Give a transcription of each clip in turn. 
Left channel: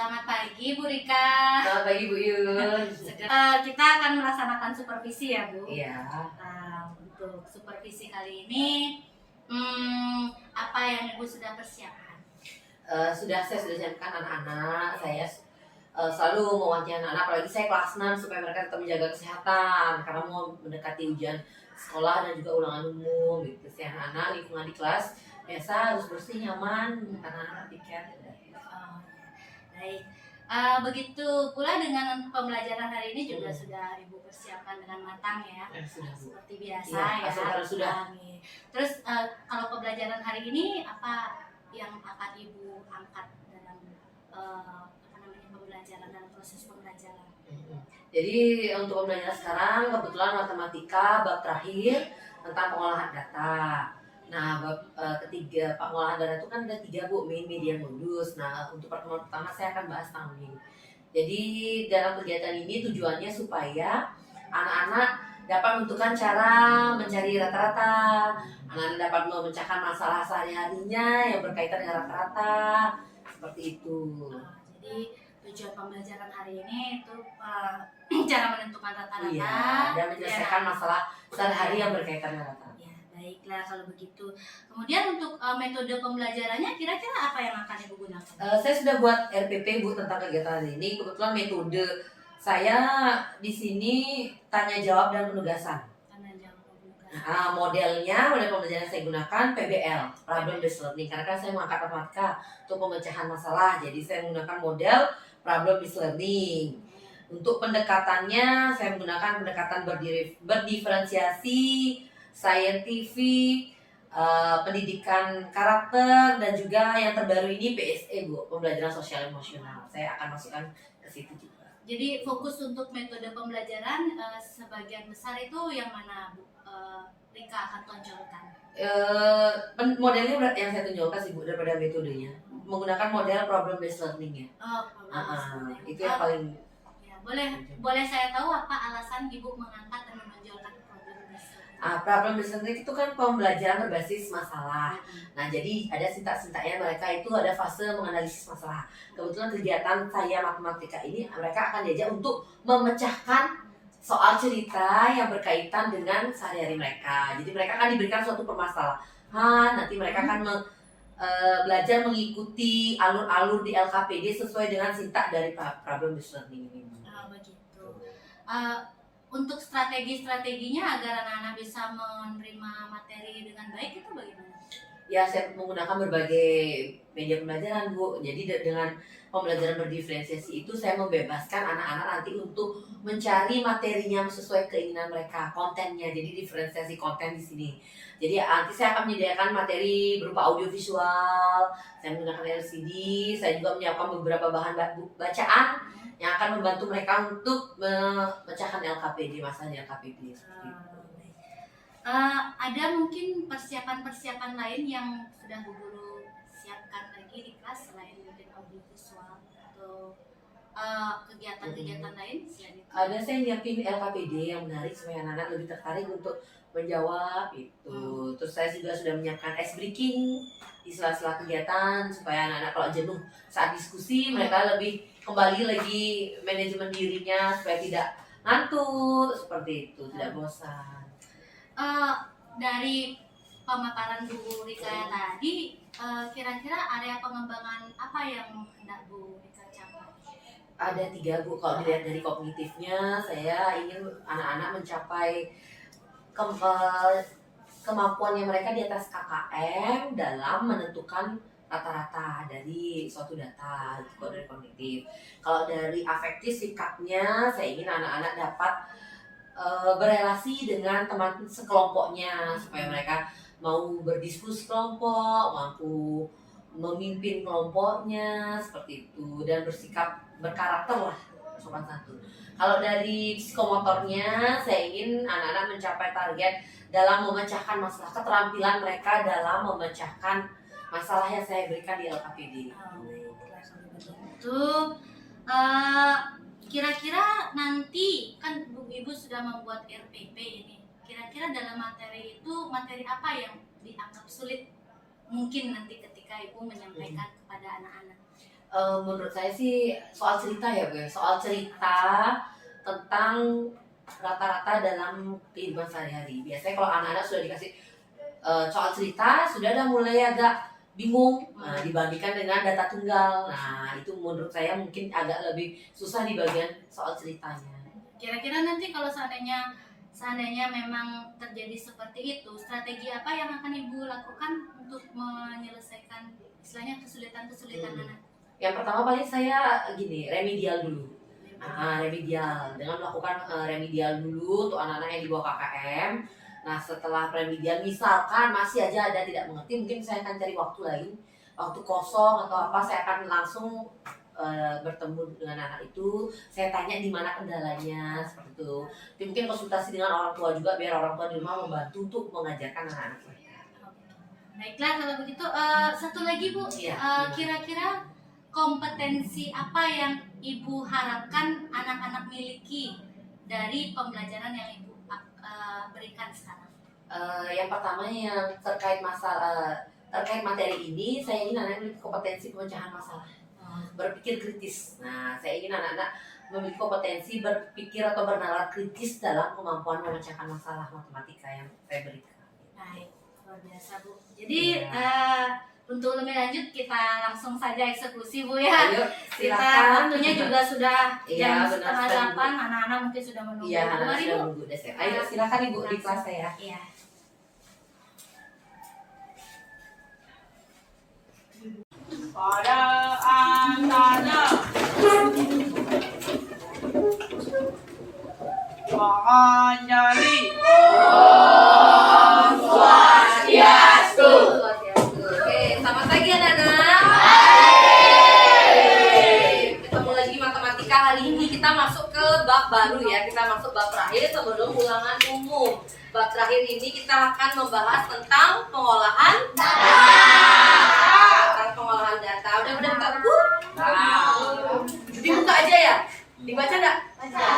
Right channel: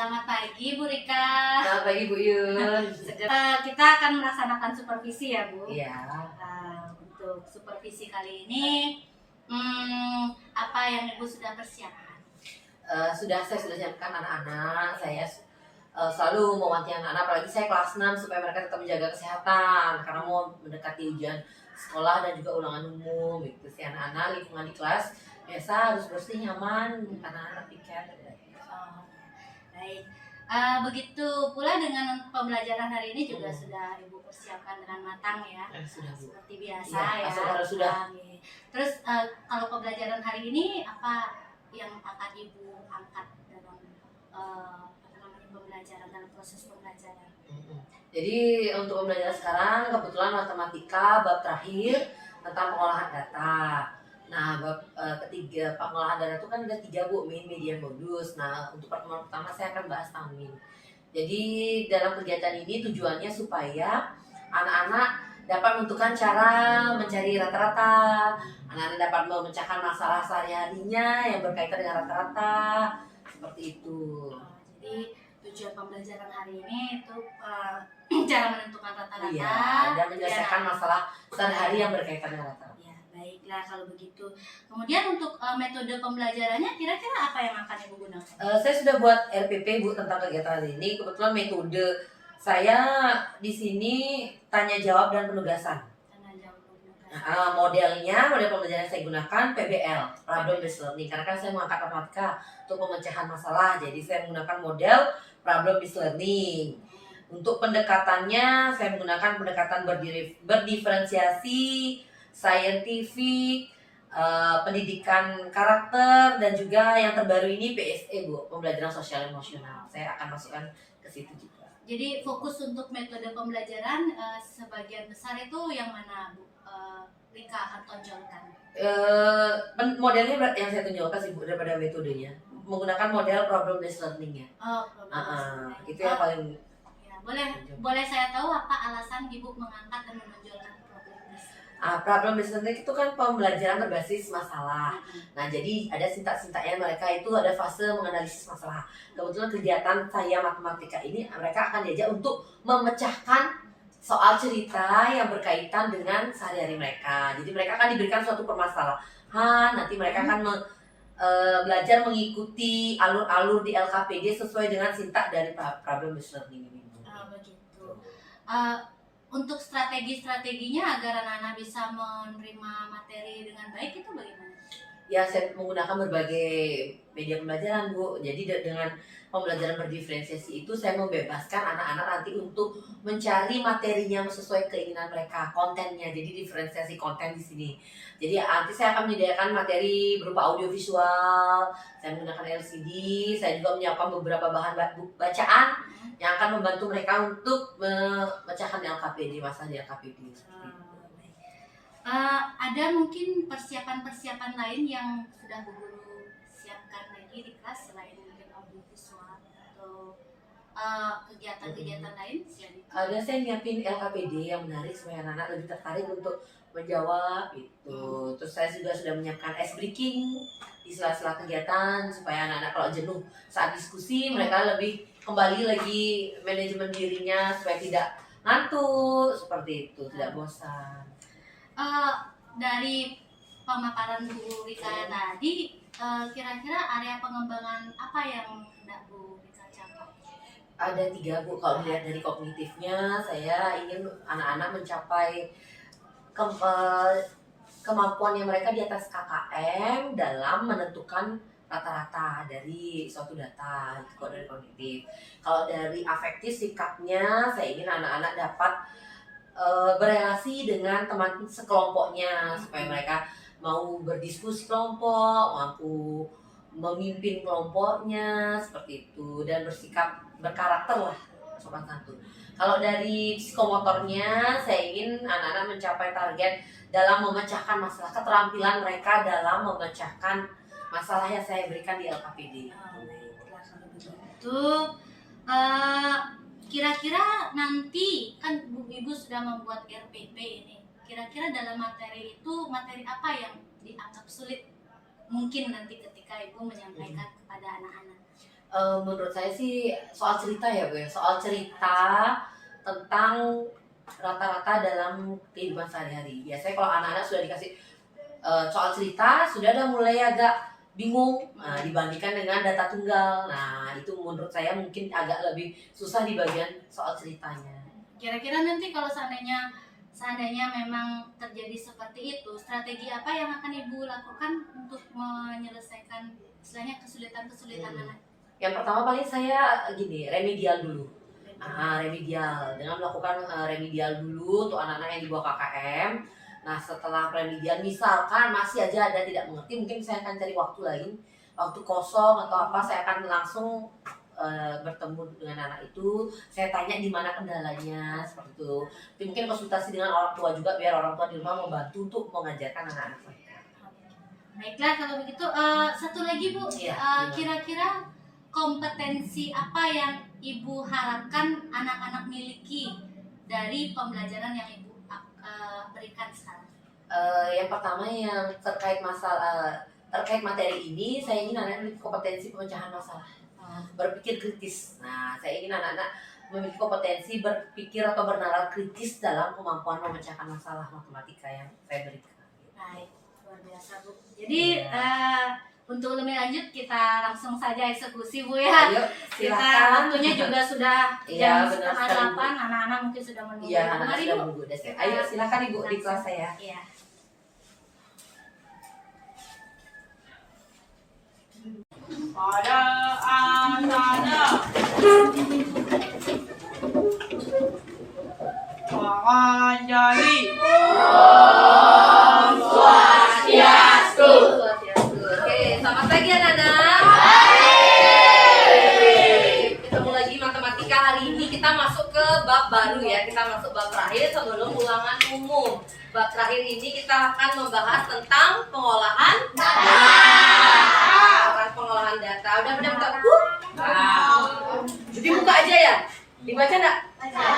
Selamat pagi Bu Rika. Selamat pagi Bu Yun. Kita akan melaksanakan supervisi ya Bu. Iya. Untuk supervisi kali ini, apa yang Ibu sudah persiapkan? Saya sudah siapkan anak-anak. Saya selalu mewanti anak-anak, apalagi saya kelas 6 supaya mereka tetap menjaga kesehatan karena mau mendekati ujian sekolah dan juga ulangan umum. Gitu sih anak-anak, lingkungan di kelas biasa harus bersih, nyaman karena anak piket. Baik. Begitu pula dengan pembelajaran hari ini juga sudah Ibu persiapkan dengan matang ya. Sudah Bu. Seperti biasa Ya, ya. sudah. Terus kalau pembelajaran hari ini apa yang akan Ibu angkat dalam pembelajaran, dalam proses pembelajaran? Jadi untuk pembelajaran sekarang kebetulan matematika bab terakhir tentang pengolahan data. Nah, bab ketiga pengolahan data itu kan ada 3 Bu, main, medium, modus. Nah, untuk pertemuan pertama saya akan bahas tentang main. Jadi dalam kegiatan ini tujuannya supaya anak-anak dapat menentukan cara mencari rata-rata, anak-anak dapat memecahkan masalah sehari-harinya yang berkaitan dengan rata-rata, seperti itu. Jadi tujuan pembelajaran hari ini itu cara menentukan rata-rata. Iya, dan menyelesaikan masalah sehari-hari yang berkaitan dengan rata-rata. Ya, baiklah kalau begitu. Kemudian untuk metode pembelajarannya kira-kira apa yang akan Ibu gunakan? Saya sudah buat RPP Bu tentang kegiatan hari ini. Kebetulan metode saya di sini tanya jawab dan penugasan. Modelnya, model pembelajaran yang saya gunakan PBL, Problem Based Learning. Karena kan saya mengangkat matematika untuk pemecahan masalah, jadi saya menggunakan model Problem Based Learning. Untuk pendekatannya, saya menggunakan pendekatan berdiferensiasi, scientific, pendidikan karakter, dan juga yang terbaru ini PSE Bu, pembelajaran sosial emosional. Saya akan masukkan ke situ juga. Jadi fokus untuk metode pembelajaran sebagian besar itu yang mana Bu? Rika akan tonjolkan. Modelnya yang saya tunjukkan sih Bu daripada metodenya, menggunakan model problem based learning ya. Itu yang paling. Ya, boleh saya tahu apa alasan Ibu mengangkat dan menonjolkan problem based learning? Problem based learning itu kan pembelajaran berbasis masalah. Nah, jadi ada sintak-sintaknya, mereka itu ada fase menganalisis masalah. Kebetulan kegiatan saya matematika ini mereka akan diajak untuk memecahkan soal cerita yang berkaitan dengan sehari-hari mereka. Jadi mereka akan diberikan suatu permasalahan, nanti mereka akan belajar mengikuti alur-alur di LKPD sesuai dengan sintak dari problem based learning ini. Begitu. Untuk strategi-strateginya agar anak-anak bisa menerima materi dengan baik itu bagaimana? Ya, saya menggunakan berbagai media pembelajaran Bu. Jadi dengan pembelajaran berdiferensiasi itu saya membebaskan anak-anak nanti untuk mencari materinya sesuai keinginan mereka, kontennya. Jadi diferensiasi konten di sini. Jadi nanti saya akan menyediakan materi berupa audiovisual, saya menggunakan LCD, saya juga menyiapkan beberapa bahan bacaan yang akan membantu mereka untuk memecahkan LKPD, masalah di LKPD. Ada mungkin persiapan-persiapan lain yang sudah Bu Guru siapkan lagi di kelas selain mungkin audiovisual atau kegiatan-kegiatan lain? Ada, saya nyiapin LKPD yang menarik supaya anak-anak lebih tertarik untuk menjawab itu. Terus saya juga sudah menyiapkan ice breaking di sela-sela kegiatan supaya anak-anak kalau jenuh saat diskusi mereka lebih kembali lagi manajemen dirinya supaya tidak ngantuk seperti itu, tidak bosan. Dari pemaparan Bu Rika tadi, kira-kira area pengembangan apa yang hendak Bu Rika capai? Ada 3 Bu. Kalau dilihat dari kognitifnya, saya ingin anak-anak mencapai kemampuannya mereka di atas KKM dalam menentukan rata-rata dari suatu data, itu dari kognitif. Kalau dari afektif sikapnya, saya ingin anak-anak dapat berelasi dengan teman sekelompoknya supaya mereka mau berdiskusi kelompok, mampu memimpin kelompoknya seperti itu, dan bersikap berkarakter lah, sopan santun. Kalau dari psikomotornya, saya ingin anak-anak mencapai target dalam memecahkan masalah, keterampilan mereka dalam memecahkan masalah yang saya berikan di LKPD. Kira-kira nanti kan Ibu sudah membuat RPP ini. Kira-kira dalam materi itu materi apa yang dianggap sulit mungkin nanti ketika Ibu menyampaikan kepada anak-anak? Menurut saya sih soal cerita ya Bu, ya. Soal cerita tentang rata-rata dalam kehidupan sehari-hari. Biasanya kalau anak-anak sudah dikasih soal cerita, sudah ada mulai agak bingung dibandingkan dengan data tunggal. Nah itu menurut saya mungkin agak lebih susah di bagian soal ceritanya. Kira-kira nanti kalau seandainya memang terjadi seperti itu, strategi apa yang akan Ibu lakukan untuk menyelesaikan istilahnya kesulitan-kesulitan anak? Yang pertama paling saya gini, remedial dulu. Remedial dengan melakukan remedial dulu untuk anak-anak yang di bawah KKM. Nah setelah remedial misalkan masih aja ada tidak mengerti, mungkin saya akan cari waktu lain, waktu kosong atau apa, saya akan langsung bertemu dengan anak itu, saya tanya di mana kendalanya seperti itu. Tapi mungkin konsultasi dengan orang tua juga biar orang tua di rumah membantu untuk mengajarkan anak-anak mereka. Baiklah kalau begitu, satu lagi Bu, kira-kira kompetensi apa yang Ibu harapkan anak-anak miliki dari pembelajaran yang Ibu berikan sekarang? Yang pertama yang terkait materi ini, saya ingin anak-anak memiliki kompetensi pemecahan masalah, berpikir kritis. Nah, saya ingin anak-anak memiliki kompetensi berpikir atau bernalar kritis dalam kemampuan memecahkan masalah matematika yang saya berikan. Baik, luar biasa Bu. Jadi untuk lebih lanjut kita langsung saja eksekusi Bu ya. Ayo, Kita silakan. waktunya juga sudah Iya, jam benar setengah sekali, Bu. 8, anak-anak mungkin sudah menunggu. Iya, anak-anak Mari sudah Bu. menunggu. Ayo, silakan Ibu di kelas saya. Iya. pada anak-anak Panganjali Swastiastu. Oke, selamat pagi anak-anak. Ketemu lagi matematika. Hari ini kita masuk ke bab baru ya. Kita masuk bab terakhir sebelum ulangan umum. Bab terakhir ini kita akan membahas tentang pengolahan data. Tentang pengolahan data. Udah minta buku? Dibuka aja ya. Dibaca enggak? Baca.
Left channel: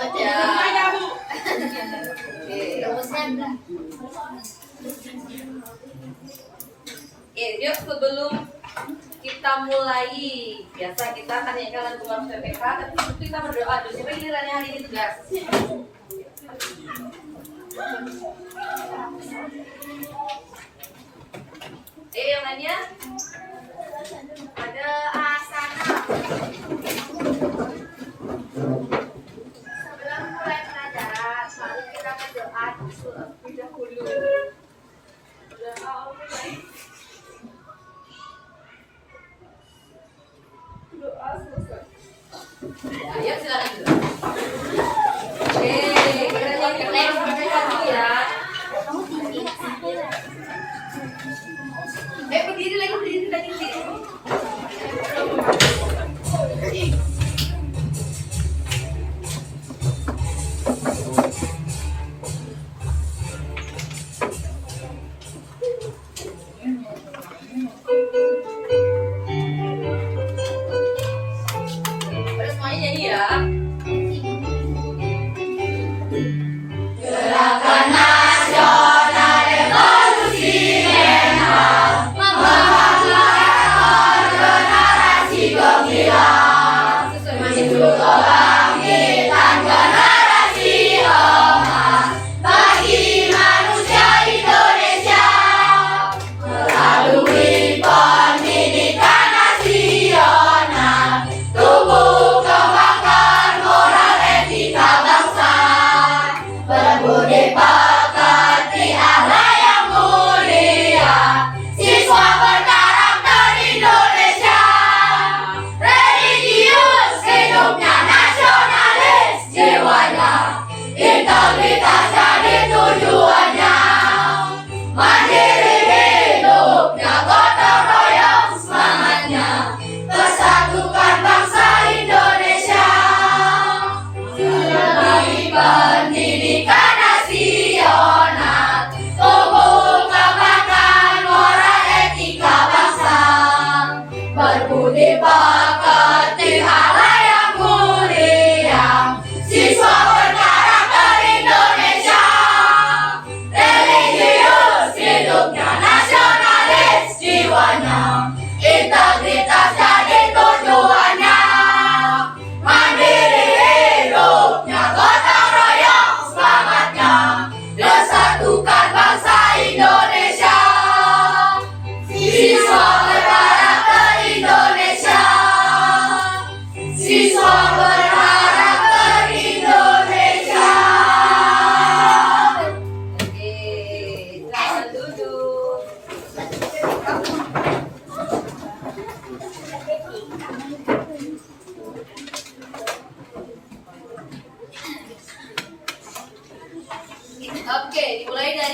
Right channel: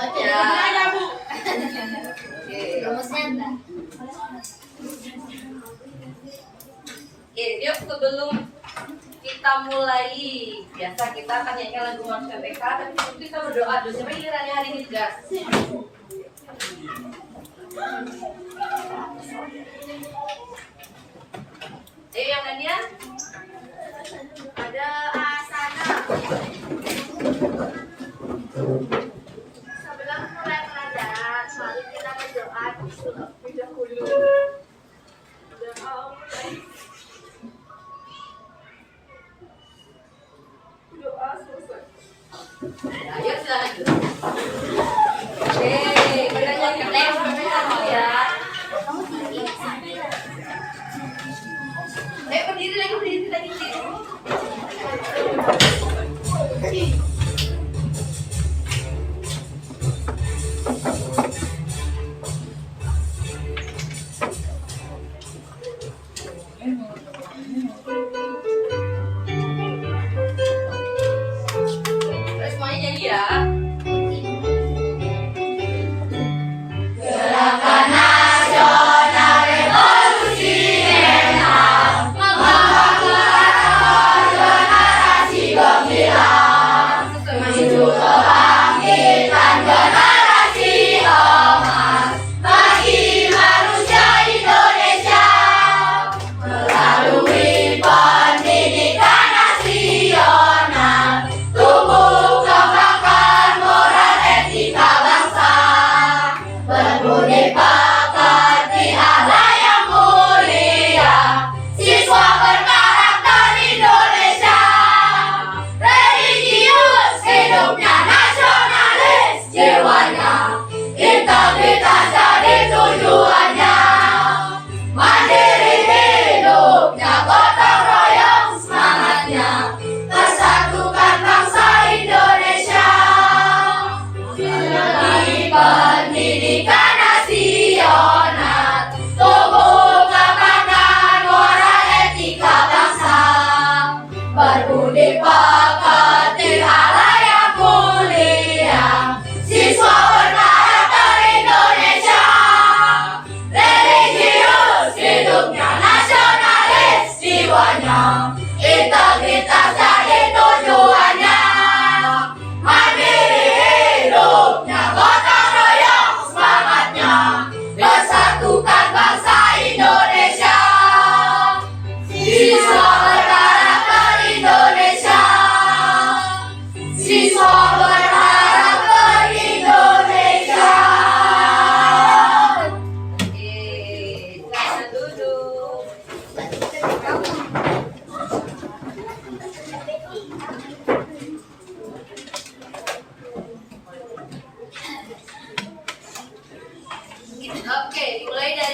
aja Bu. Oke. Rumusnya enggak? Yuk sebelum kita mulai, biasa kita akan nyanyikan lagu Mas PPK, tapi sebelum kita berdoa dulu. Siapa gilirannya hari ini tugas? Ayo yang lainnya. Ada asana. Sebelum mulai pelajaran, mari kita berdoa terlebih dahulu. Doa mulai. Doa selesai. Ya, ayo silakan dulu. Kita nyanyikan lagu Mas PPK dulu ya. Kamu tinggi. Berdiri lagi.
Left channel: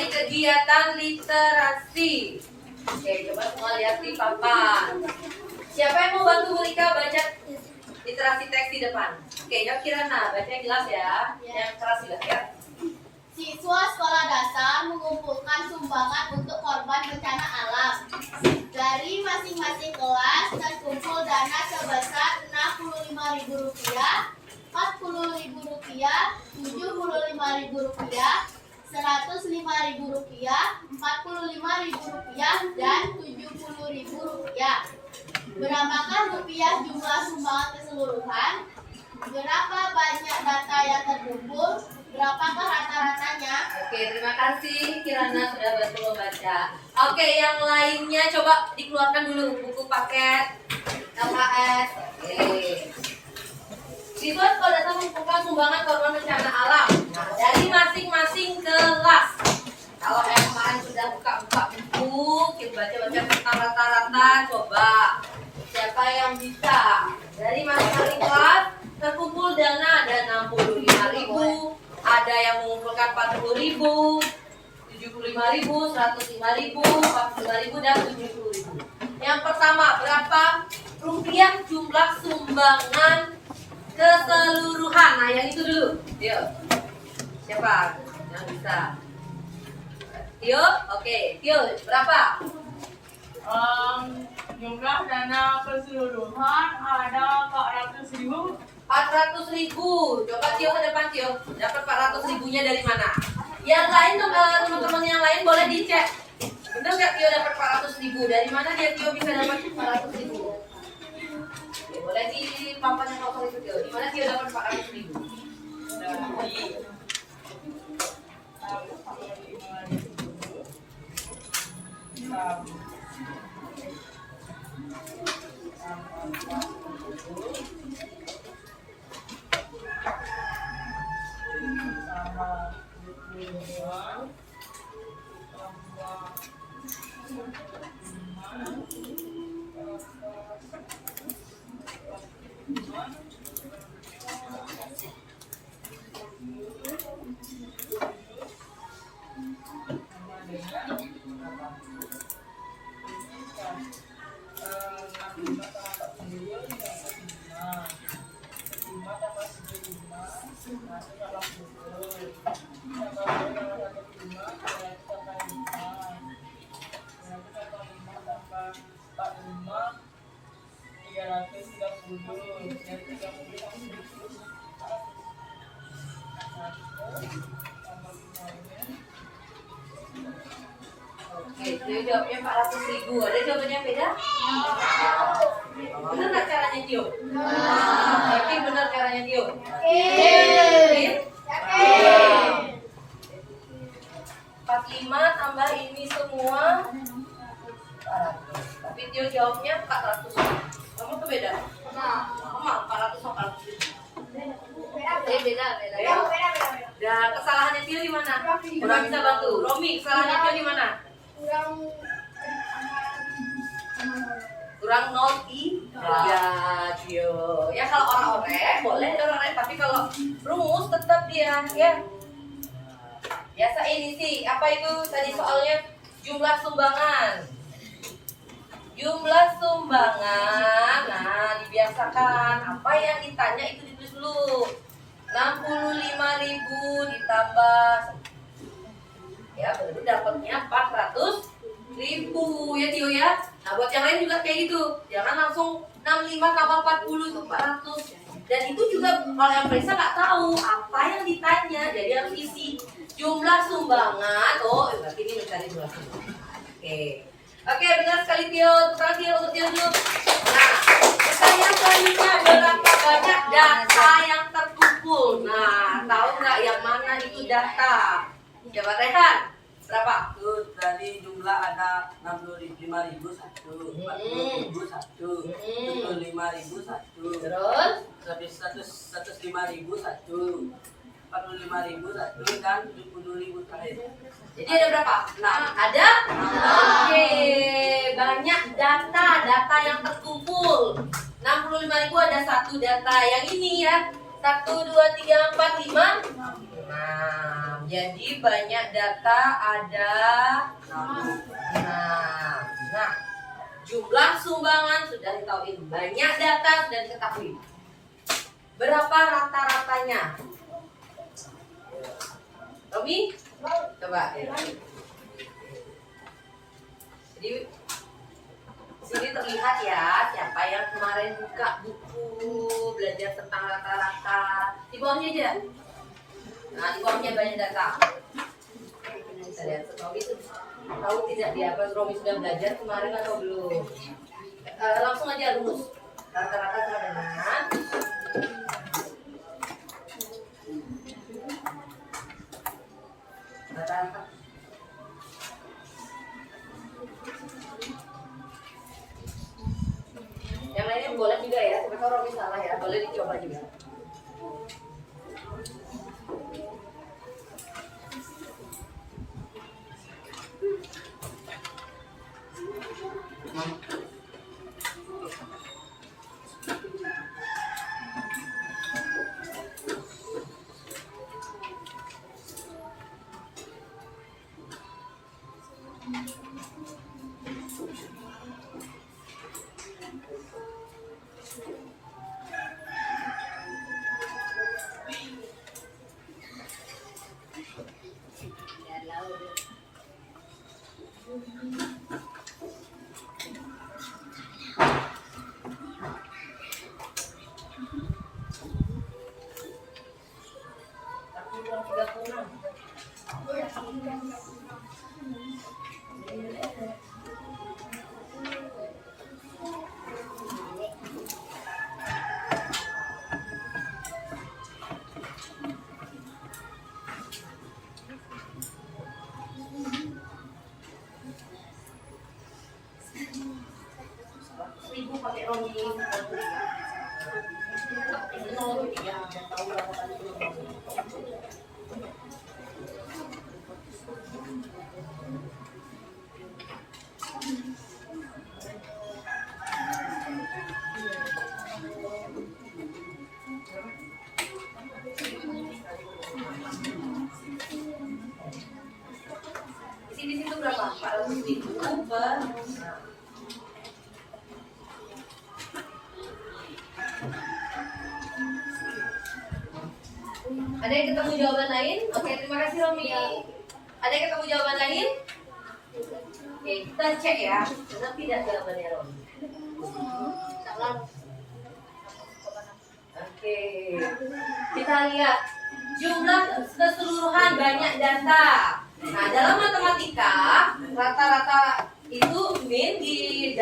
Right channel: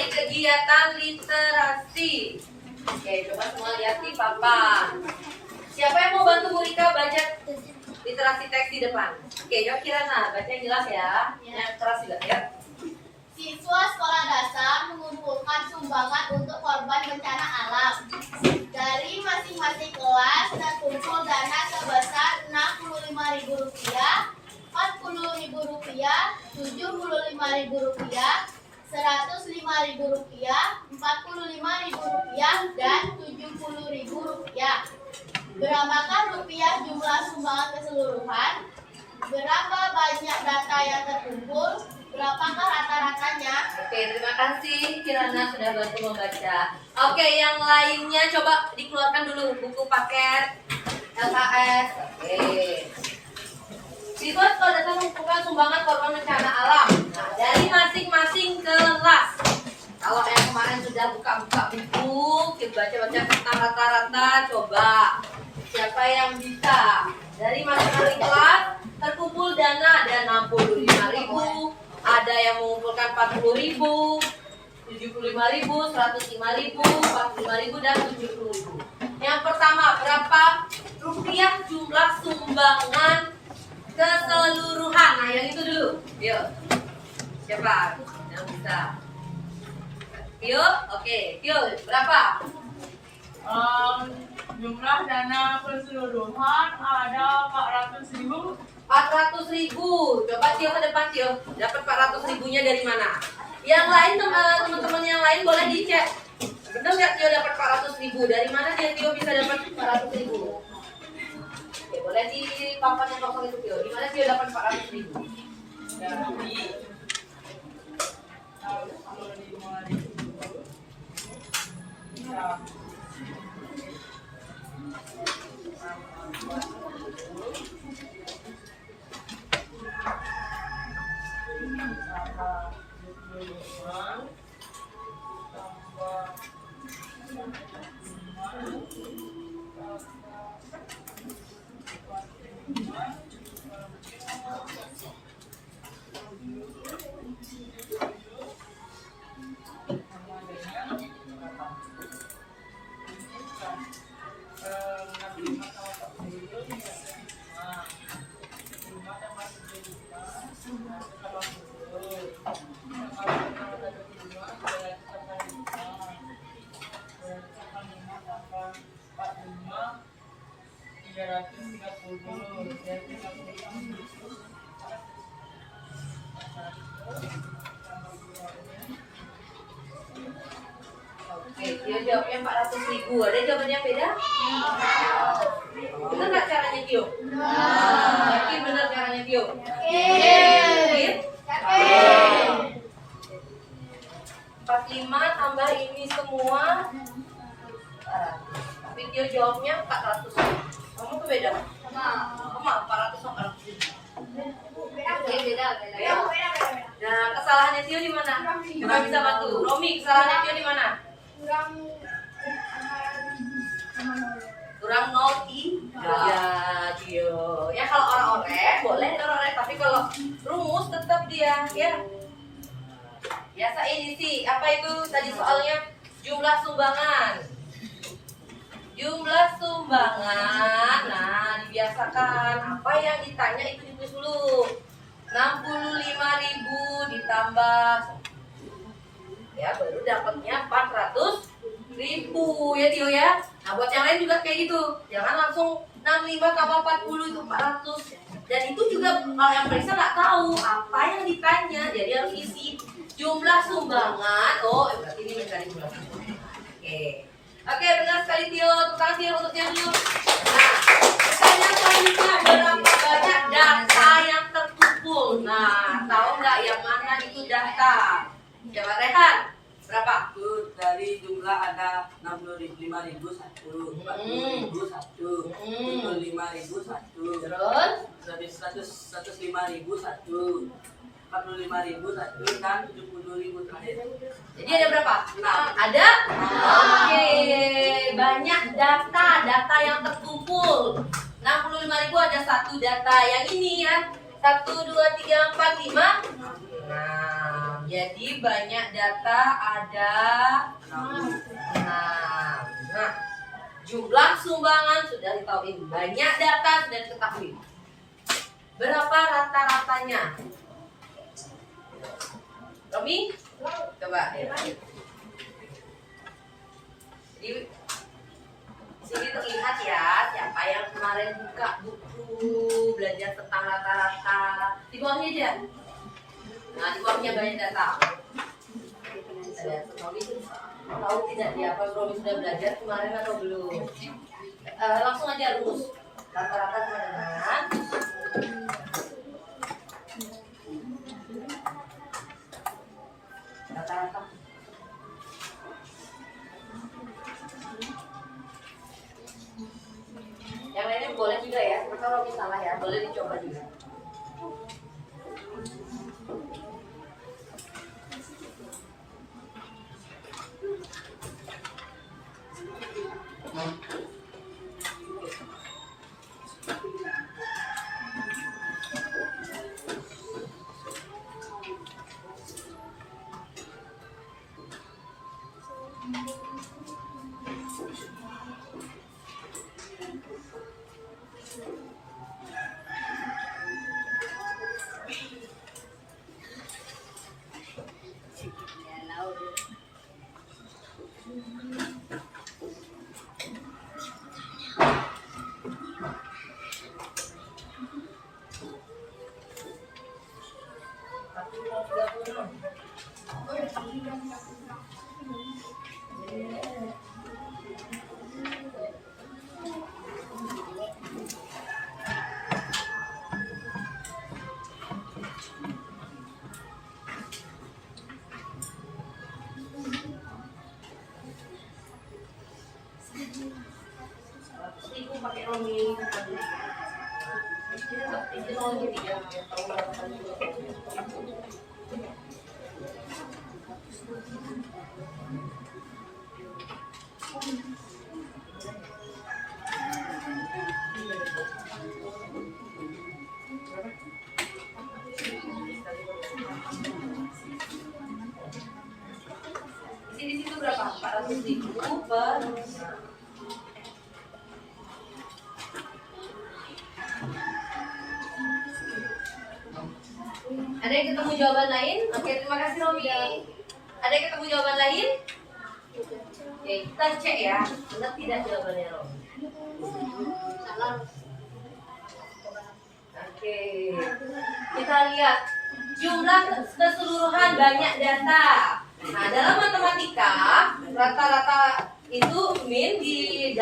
dari kegiatan literasi. Oke, coba semua lihat di papan. Siapa yang mau bantu Bu Rika baca literasi teks di depan? Oke, jawab Kirana, baca yang jelas ya. Yang keras juga ya. Siswa sekolah dasar mengumpulkan sumbangan untuk korban bencana alam. Dari masing-masing kelas terkumpul dana sebesar Rp65.000, Rp40.000, Rp75.000, Rp105.000, Rp45.000, dan Rp70.000. Berapakah rupiah jumlah sumbangan keseluruhan? Berapa banyak data yang terkumpul? Berapakah rata-ratanya? Oke, terima kasih Kirana sudah bantu membaca. Oke, yang lainnya coba dikeluarkan dulu buku paket LKS. Oke. Siswa sekolah dasar mengumpulkan sumbangan korban bencana alam dari masing-masing kelas. Kalau yang kemarin sudah buka-buka buku, kita baca-baca tentang rata-rata, coba siapa yang bisa? Dari masing-masing kelas terkumpul dana ada 65.000, ada yang mengumpulkan 40.000, 75.000, 105.000, 45.000, dan 70.000. Yang pertama, berapa rupiah jumlah sumbangan keseluruhan? Nah, yang itu dulu. Yuk. Siapa yang bisa? Tio, oke. Tio, berapa? Jumlah dana keseluruhan ada 400.000. 400.000. Coba Tio ke depan Tio. Dapat 400.000-nya dari mana? Yang lain teman-teman yang lain boleh dicek. Benar nggak Tio dapat 400.000? Dari mana dia Tio bisa dapat 400.000? Oke, boleh di papan yang kosong itu Tio. Di mana Tio dapat 400.000? Dari 330. Oke, Tio jawabnya 400.000. Ada jawabannya beda? Benar nggak caranya Tio? Yakin benar caranya Tio? Yakin? 45 tambah ini semua 400. Tapi Tio jawabnya 400. Kamu tuh beda? Sama 400 sama 400.000. Beda. Nah, kesalahannya Tio di mana? Coba bisa bantu. Romi, kesalahannya Tio di mana? Kurang 0 ya Tio. Ya kalau orang-orang boleh orang-orang, tapi kalau rumus tetap dia ya. Biasa ini sih, apa itu tadi soalnya jumlah sumbangan. Jumlah sumbangan, nah dibiasakan apa yang ditanya itu ditulis dulu. 65.000 ditambah ya baru dapatnya 400.000 ya Tio ya. Nah buat yang lain juga kayak gitu, jangan langsung 65 tambah 40 itu 400. Dan itu juga kalau yang periksa nggak tahu apa yang ditanya, jadi harus isi jumlah sumbangan. Oh berarti ini mencari jumlah sumbangan. Oke, benar sekali Tio. Tukang Tio untuk Tio dulu. Nah, pertanyaan selanjutnya, berapa banyak data yang terkumpul? Nah, tahu nggak yang mana itu data? Coba Rehan, berapa? Itu dari jumlah ada 65.000 satu, 40.000 satu, 75.000 satu, Terus? 105.000 satu, 45.000 satu, dan 70.000 terakhir. Jadi ada berapa? 6. Ada? Oke, banyak data yang terkumpul. 65.000 ada satu data yang ini ya. 1, 2, 3, 4, 5, 6. Jadi banyak data ada 6. Nah, jumlah sumbangan sudah ditahuin, banyak data sudah diketahui. Berapa rata-ratanya? Romi, coba. Jadi sini terlihat ya siapa yang kemarin buka buku belajar tentang rata-rata. Di bawahnya aja. Nah, di bawahnya banyak data. Kita lihat Romi tahu tidak dia apa Romi sudah belajar kemarin atau belum? Langsung aja rumus. Rata-rata sama dengan rata-rata. Yang lainnya boleh juga ya, siapa tahu Romi salah ya, boleh dicoba juga. Ibu pakai Romi. Ini mau tiga, tahu berapa kali dulu. Di situ berapa? 400.000 per. Ada yang ketemu jawaban lain? Oke, terima kasih Romi. Ada yang ketemu jawaban lain? Oke, kita cek ya. Benar tidak jawabannya Romi? Oke, kita lihat jumlah keseluruhan banyak data. Nah, dalam matematika rata-rata itu min di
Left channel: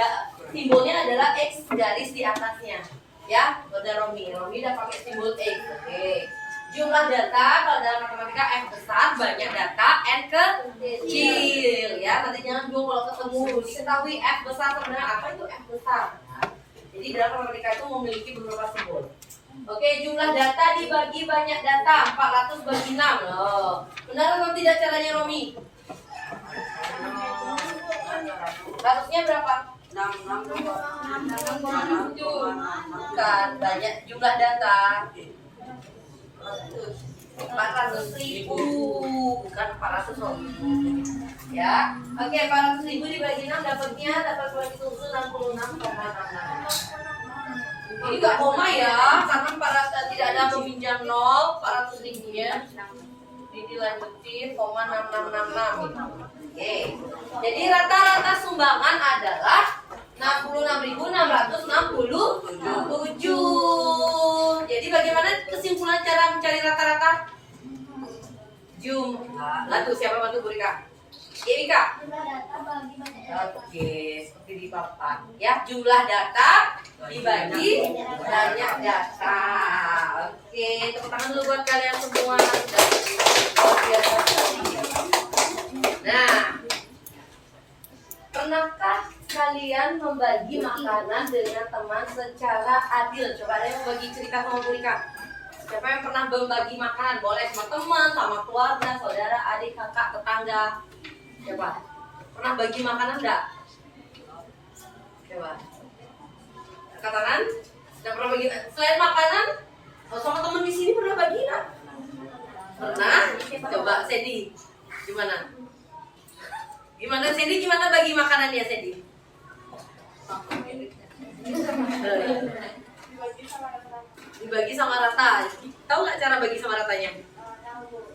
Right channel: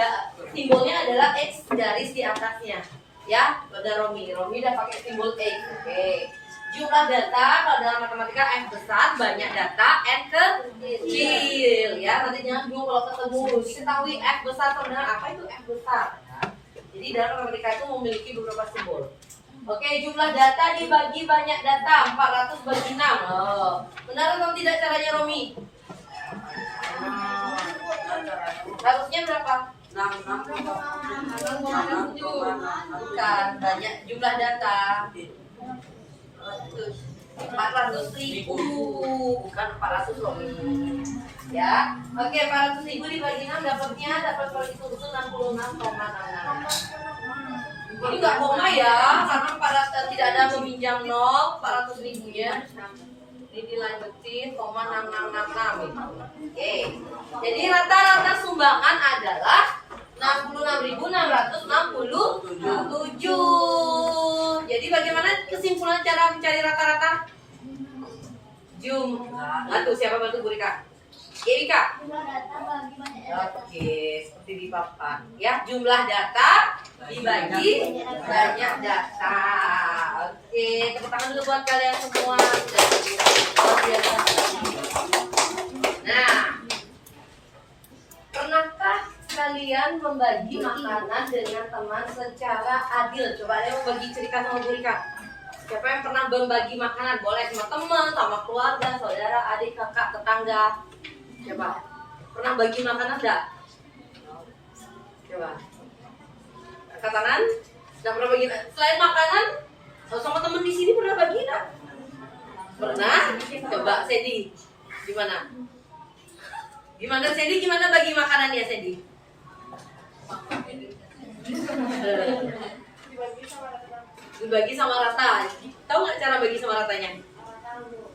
simbolnya adalah X garis di atasnya. Ya, benar Romi. Romi udah pakai simbol X. Oke. Jumlah data kalau dalam matematika F besar, banyak data, N kecil. Ya, nanti jangan bingung kalau ketemu diketahui F besar sebenarnya apa itu F besar. Ya. Jadi dalam matematika itu memiliki beberapa simbol. Oke, jumlah data dibagi banyak data 400 bagi 6. Oh, benar atau tidak caranya Romi? Harusnya berapa? 6 kurang 7. Bukan, banyak jumlah data. 400.000 bukan 400 Romi. Ya, oke 400.000 dibagi 6 dapat bagi susu 66,66. Ini nggak koma ya, karena tidak ada meminjam 400.000 ya. Ini dilanjutin, 666. Oke. Jadi rata-rata sumbangan adalah 66.667. Jadi bagaimana kesimpulan cara mencari rata-rata? Bantu siapa bantu Bu Rika? Rika. Oke, seperti di papan ya, jumlah data dibagi banyak data. Oke, tepuk tangan dulu buat kalian semua. Nah, pernahkah kalian membagi makanan dengan teman secara adil? Coba ada yang membagi cerita sama Bu Rika. Siapa yang pernah membagi makanan? Boleh sama teman, sama keluarga, saudara, adik, kakak, tetangga. Coba, pernah bagi makanan enggak? Coba. Angkat tangan. Sudah pernah bagi? Selain makanan, sama teman di sini pernah bagi enggak? Pernah? Coba Sandy, gimana? Gimana Sandy? Gimana bagi makanannya Sandy? Dibagi sama rata. Tahu nggak cara bagi sama ratanya?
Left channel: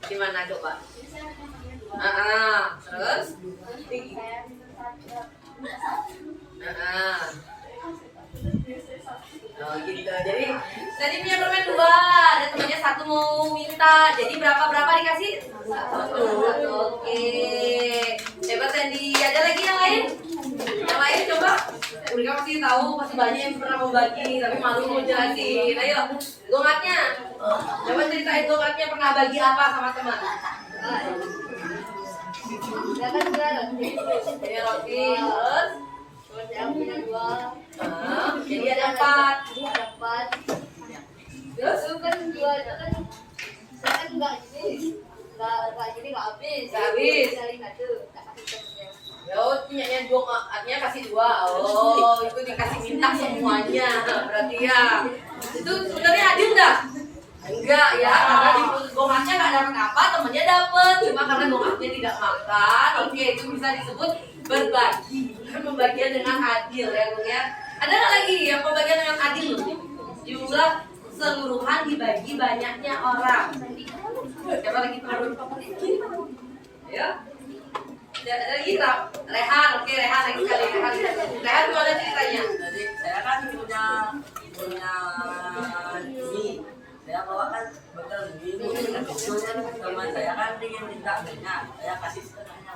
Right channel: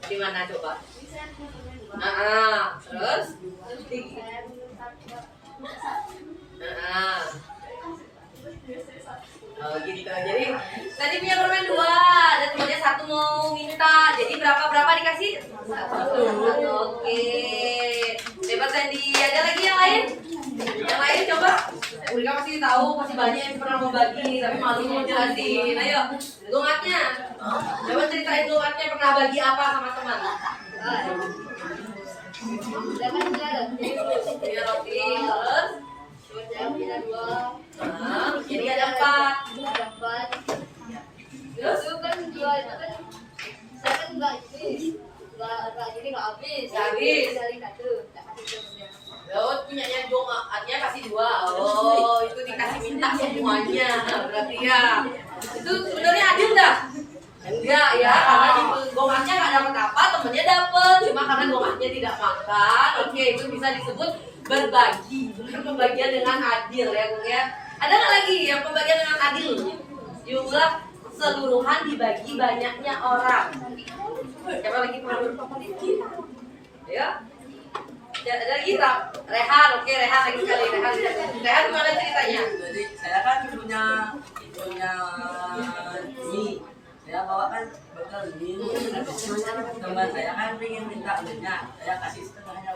Gimana coba? Terus? Oh gitu. Jadi tadi punya permen 2, ada temannya 1 mau minta. Jadi berapa dikasih? 1. Oke. Hebat Sandy. Ada lagi yang lain? Yang lain coba. Ulika pasti tahu, pasti banyak yang pernah mau bagi, tapi malu mau jelasin. Ayo, gongaknya. Coba ceritain gongaknya pernah bagi apa sama teman? Ini roti, terus? Jadi ada 4. Terus? Habis. Oh, punyanya gongak, artinya kasih 2. Oh, itu dikasih minta semuanya. Berarti ya. Itu sebenarnya adil enggak? Enggak ya, karena di gongaknya nggak dapat apa, temennya dapat. Cuma karena gongaknya tidak makan. Oke, itu bisa disebut berbagi. Bukan pembagian dengan adil ya, Bung ya. Ada nggak lagi yang pembagian dengan adil? Jumlah keseluruhan dibagi banyaknya orang. Siapa lagi teman? Ya. Ada lagi Rehan, oke Rehan lagi sekali Rehan gimana ceritanya? Jadi saya kan punya ini, saya bawakan betul ini. Teman saya kan ingin minta banyak, saya kasih setengahnya.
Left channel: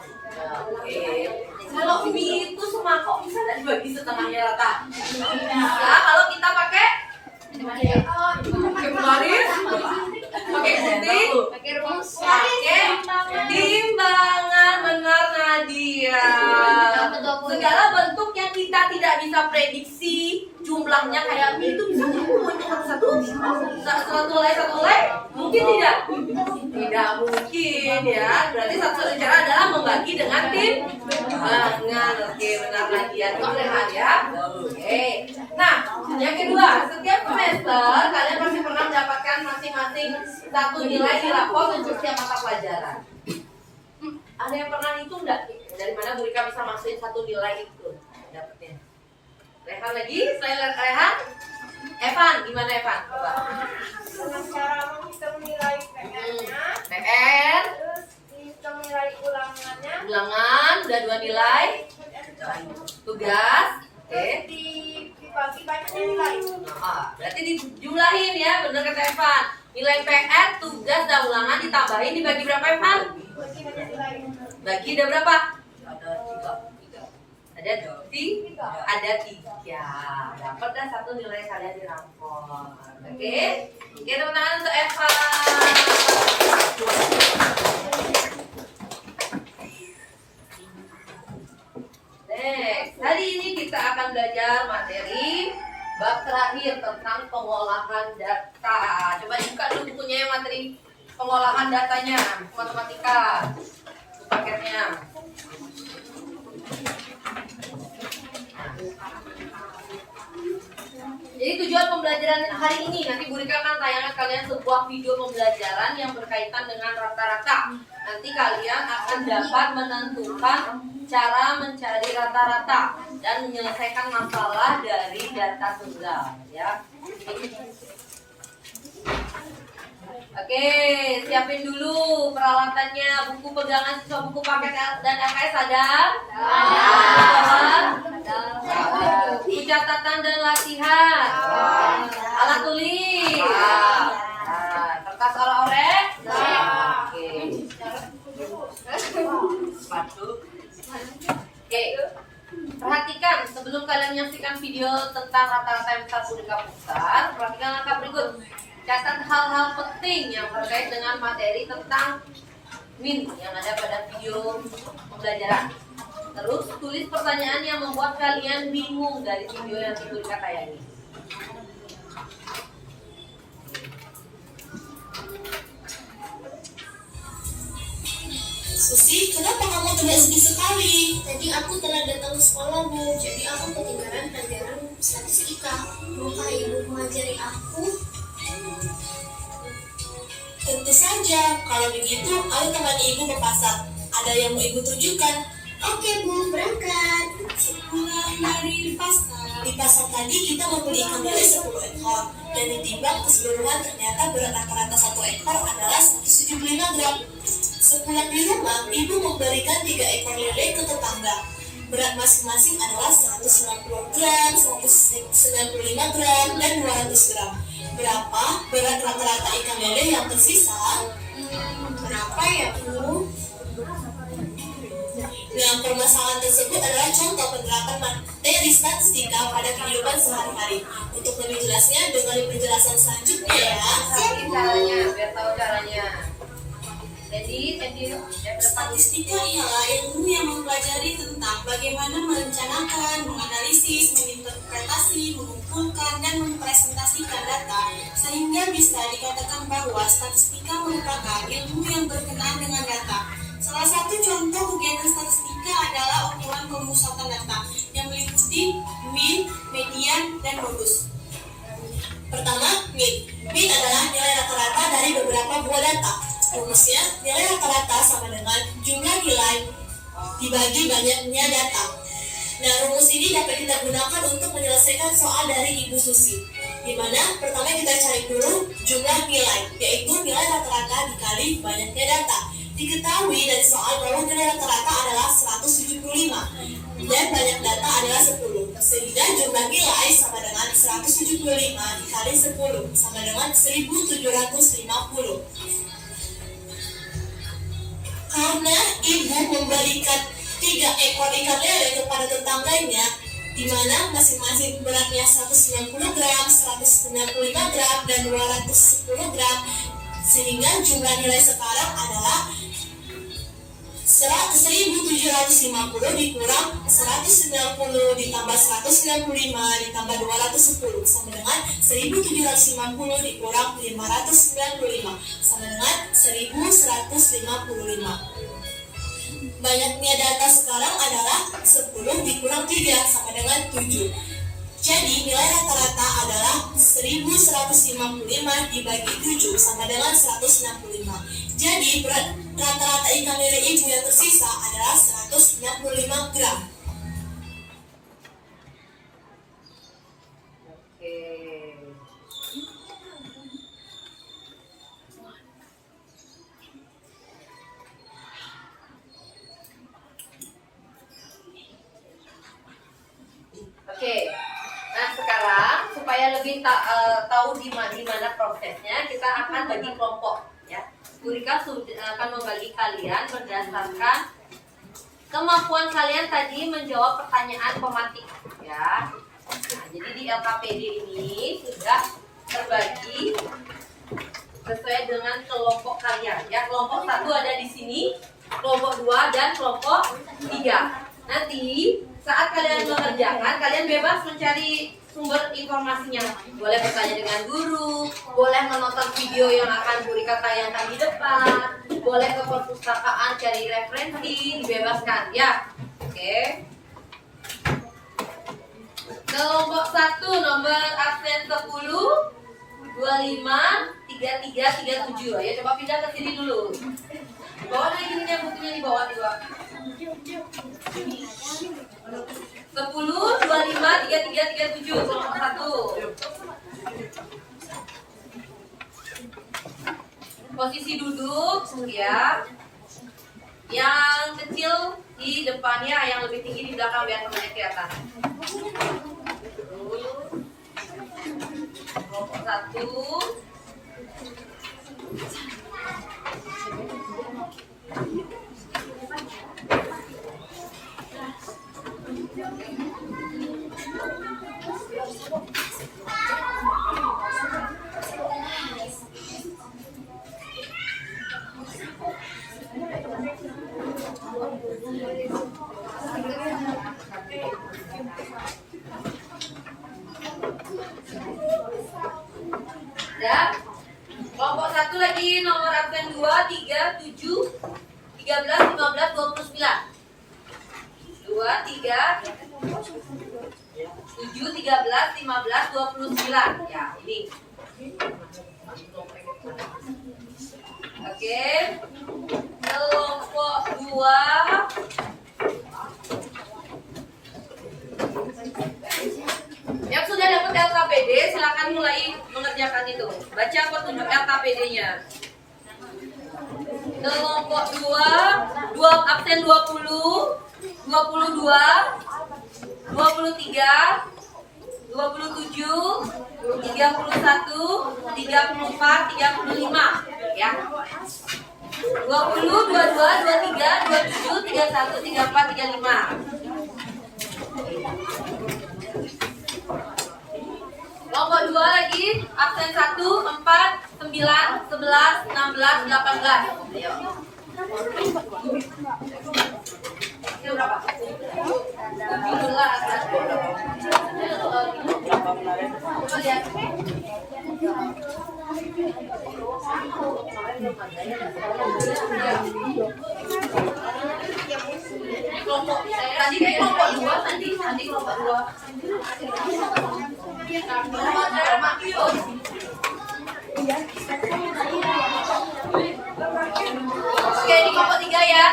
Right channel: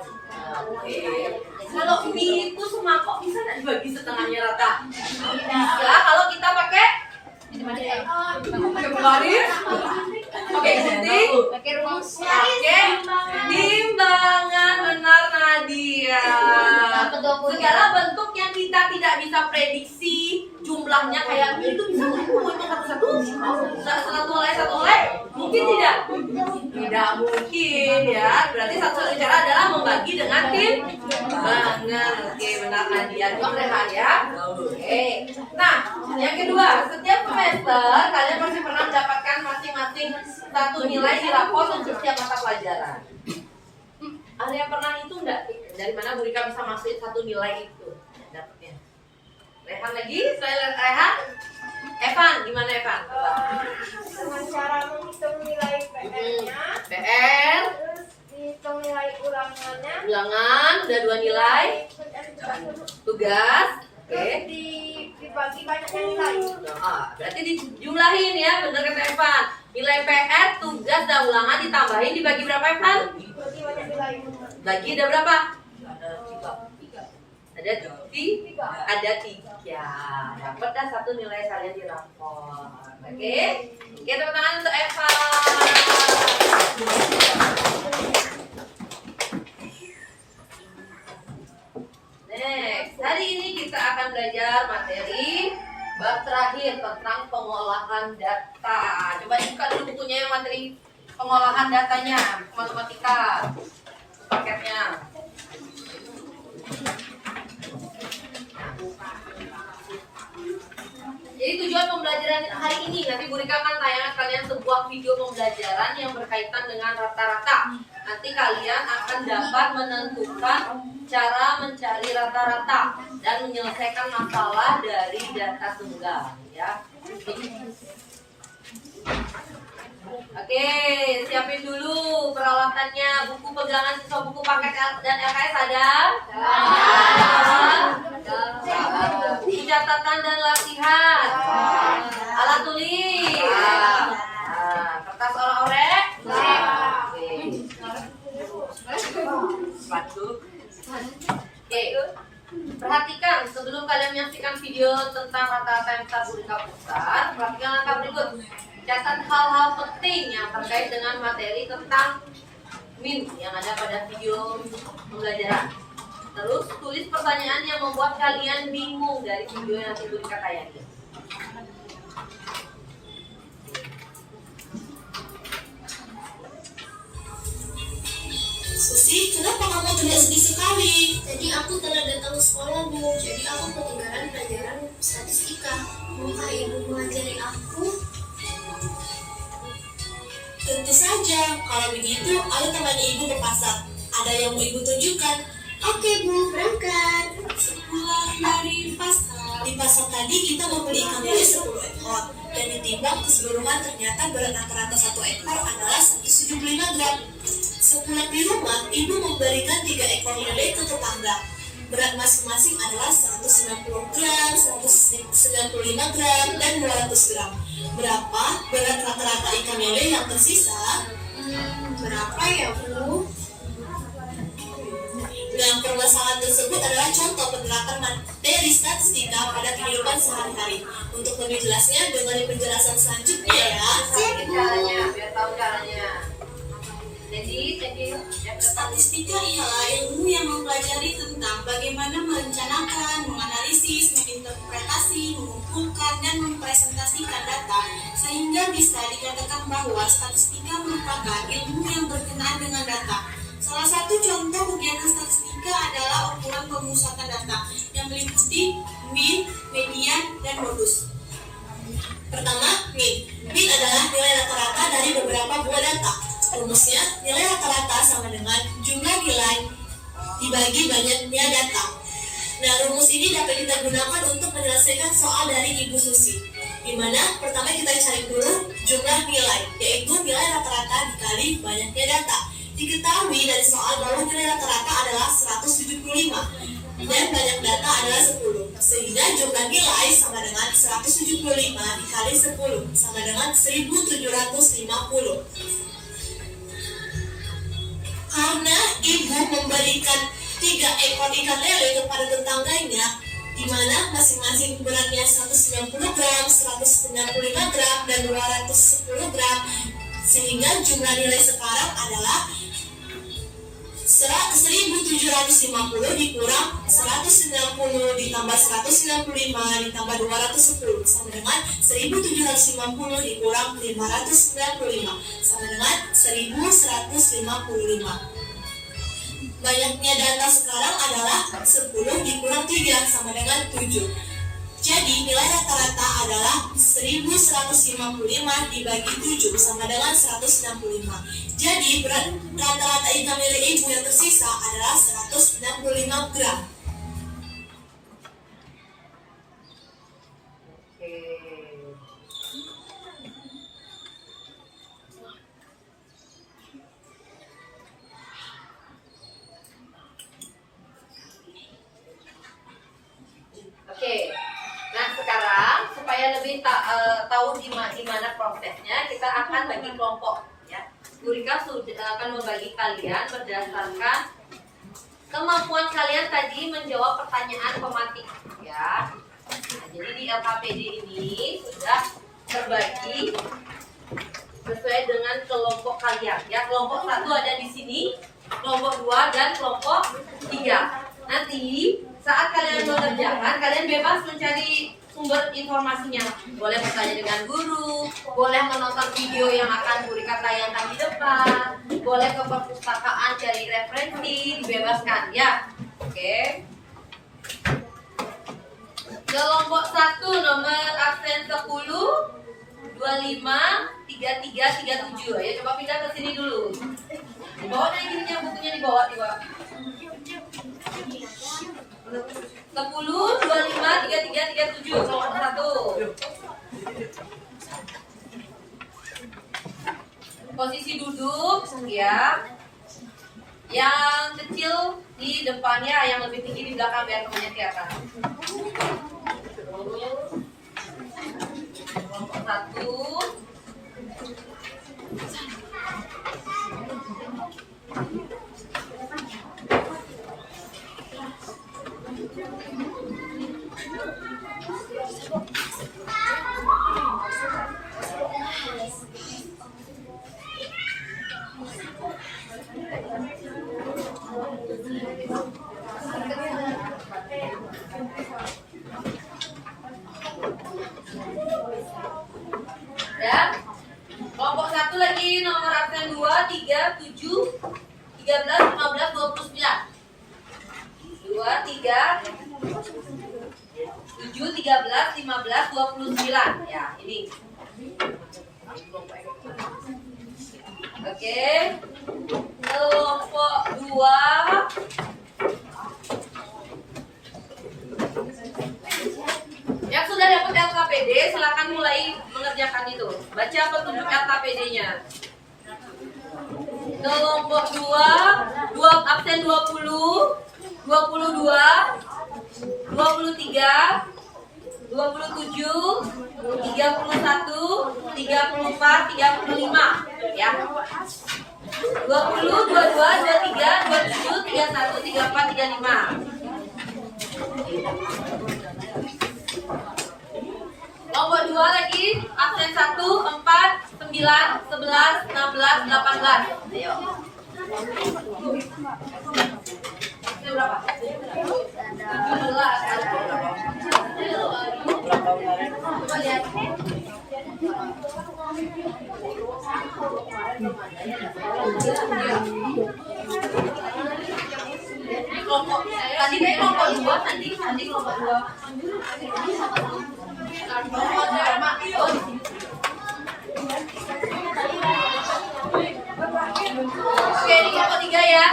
Oke. Kalau mie itu semangkok bisa nggak dibagi setengahnya rata? Bisa kalau kita pakai baris, pakai gunting, pakai timbangan. Benar Nadia. Segala bentuk yang kita tidak bisa prediksi jumlahnya kayak mie itu bisa nggak satu helai mungkin tidak mungkin ya. Berarti satu cara adalah membagi dengan timbangan. Oke, benar Nadia. Dua Rehan ya. Oke. Nah, yang kedua, setiap semester kalian pasti pernah mendapatkan masing-masing 1 nilai di rapor untuk setiap mata pelajaran. Ada yang pernah hitung enggak? Dari mana Bu Rika bisa masukin 1 nilai itu dapatnya? Rehan lagi, selain Rehan, Evan, gimana Evan? Coba. Dengan cara menghitung nilai PR-nya, PR, terus dihitung nilai ulangannya, ulangan, udah 2 nilai, tugas, oke. Dibagi banyaknya nilai. Berarti dijumlahin ya, bener kata Evan. Nilai PR, tugas, dan ulangan ditambahin dibagi berapa Evan? Bagi banyak nilai. Bagi ada berapa? Ada 3. Ada 3. Dapat dah 1 nilai kalian di rapor. Oke? Oke, tepuk tangan untuk Evan. Next, hari ini kita akan belajar materi bab terakhir tentang pengolahan data. Coba buka dulu bukunya yang materi pengolahan datanya, matematika. Paketnya. Jadi tujuan pembelajaran hari ini, nanti Bu Rika akan tayangkan kalian sebuah video pembelajaran yang berkaitan dengan rata-rata. Nanti kalian akan dapat menentukan cara mencari rata-rata dan menyelesaikan masalah dari data tunggal, ya. Oke, siapin dulu peralatannya, buku pegangan siswa, buku paket dan LKS ada? Buku catatan dan latihan, alat tulis, kertas orek-orek, oke. Oke, perhatikan sebelum kalian menyaksikan video tentang rata-rata yang besar Bu Rika pusat, perhatikan langkah berikut. Catat hal-hal penting yang terkait dengan materi tentang MIN yang ada pada video pembelajaran. Terus tulis pertanyaan yang membuat kalian bingung dari video yang Bu Rika tayangi. Susi, kenapa kamu tidak sedih sekali? Tadi aku telah datang ke sekolah, Bu. Jadi aku ketinggalan pelajaran statistika. Maukah Ibu mengajari aku? Tentu saja, kalau begitu ayo temani ibu ke pasar. Ada yang mau ibu tunjukkan? Oke bu, berangkat. Sepulang dari pasar. Di pasar tadi kita membeli ikan lele 10 ekor. Dan ditimbang keseluruhan ternyata berat rata-rata 1 ekor adalah 175 gram. Sepulang di rumah, ibu memberikan 3 ekor lele ke tetangga. Berat masing-masing adalah 190 gram, 195 gram, dan 200 gram. Berapa berat rata-rata ikan lele yang tersisa? Berapa ya Bu? Nah, permasalahan tersebut adalah contoh penerapan materi statistika pada kehidupan sehari-hari. Untuk lebih jelasnya, dengar penjelasan selanjutnya ya. Siapin caranya, biar tahu caranya. Jadi Statistika ialah ilmu yang mempelajari tentang bagaimana merencanakan, menganalisis, menginterpretasi, mengumpulkan, dan mempresentasikan data, sehingga bisa dikatakan bahwa statistika merupakan ilmu yang berkenaan dengan data. Salah satu contoh kegiatan statistika adalah ukuran pemusatan data yang meliputi mean, median, dan modus. Pertama, mean. Mean adalah nilai rata-rata dari beberapa buah data. Rumusnya, nilai rata-rata sama dengan jumlah nilai dibagi banyaknya data. Nah, rumus ini dapat kita gunakan untuk menyelesaikan soal dari Ibu Susi. Di mana pertama kita cari dulu jumlah nilai, yaitu nilai rata-rata dikali banyaknya data. Diketahui dari soal bahwa nilai rata-rata adalah 175 dan banyak data adalah 10. Sehingga jumlah nilai sama dengan 175 dikali 10 sama dengan 1750. Karena ibu memberikan 3 ekor ikan lele kepada tetangganya, di mana masing-masing beratnya 190 gram, 195 gram, dan 210 gram, sehingga jumlah nilai sekarang adalah 1750 dikurang 190 ditambah 195 ditambah 210 sama dengan 1750 dikurang 595 sama dengan 1155. Banyaknya data sekarang adalah 10 dikurang 3 sama dengan 7. Jadi nilai rata-rata adalah 1155 dibagi 7 sama dengan 165. Jadi berat rata-rata ikan lele ibu yang tersisa adalah 165 gram. Oke. Nah, sekarang supaya lebih tahu di mana prosesnya, kita akan bagi kelompok ya. Bu Rika akan membagi kalian berdasarkan kemampuan kalian tadi menjawab pertanyaan pematik ya. Nah, jadi di LKPD ini sudah terbagi sesuai dengan kelompok kalian ya. Kelompok 1 ada di sini, kelompok 2 dan kelompok 3. Nanti saat kalian mengerjakan, kalian bebas mencari sumber informasinya. Boleh bertanya dengan guru, boleh menonton video yang akan Bu Rika tayangkan di depan, boleh ke perpustakaan cari referensi, dibebaskan ya. Oke. Kelompok 1 nomor absen 10, 25, 33, 37. Ya, coba pindah ke sini dulu. Dibawa dari ininya bukunya dibawa. 10, 25, 33, 37. Kelompok 1. Posisi duduk ya. Yang kecil di depannya, yang lebih tinggi di belakang biar temannya kelihatan. Kelompok 1. Dan kelompok 1 lagi nomor absen 2, 3, 7, 13, 15, 29. 2, 3, 7, 13, 15, 29. Ya, ini. Oke. Kelompok 2. Yang sudah dapat LKPD silakan mulai mengerjakan itu. Baca petunjuk LKPD-nya. Kelompok 2, absen 20, 22, 23, 27, 31, 34, 35 ya. 20, 22, 23, 27, 31, 34, 35. Kelompok 2 lagi, absen 1, 4, 9, 11, 16, 18. Ayo. Itu berapa? 17. Berapa kemarin? Coba lihat. Kelompok tadi kayak kelompok 2 tadi kelompok 2. Oke, di kelompok 3 ya.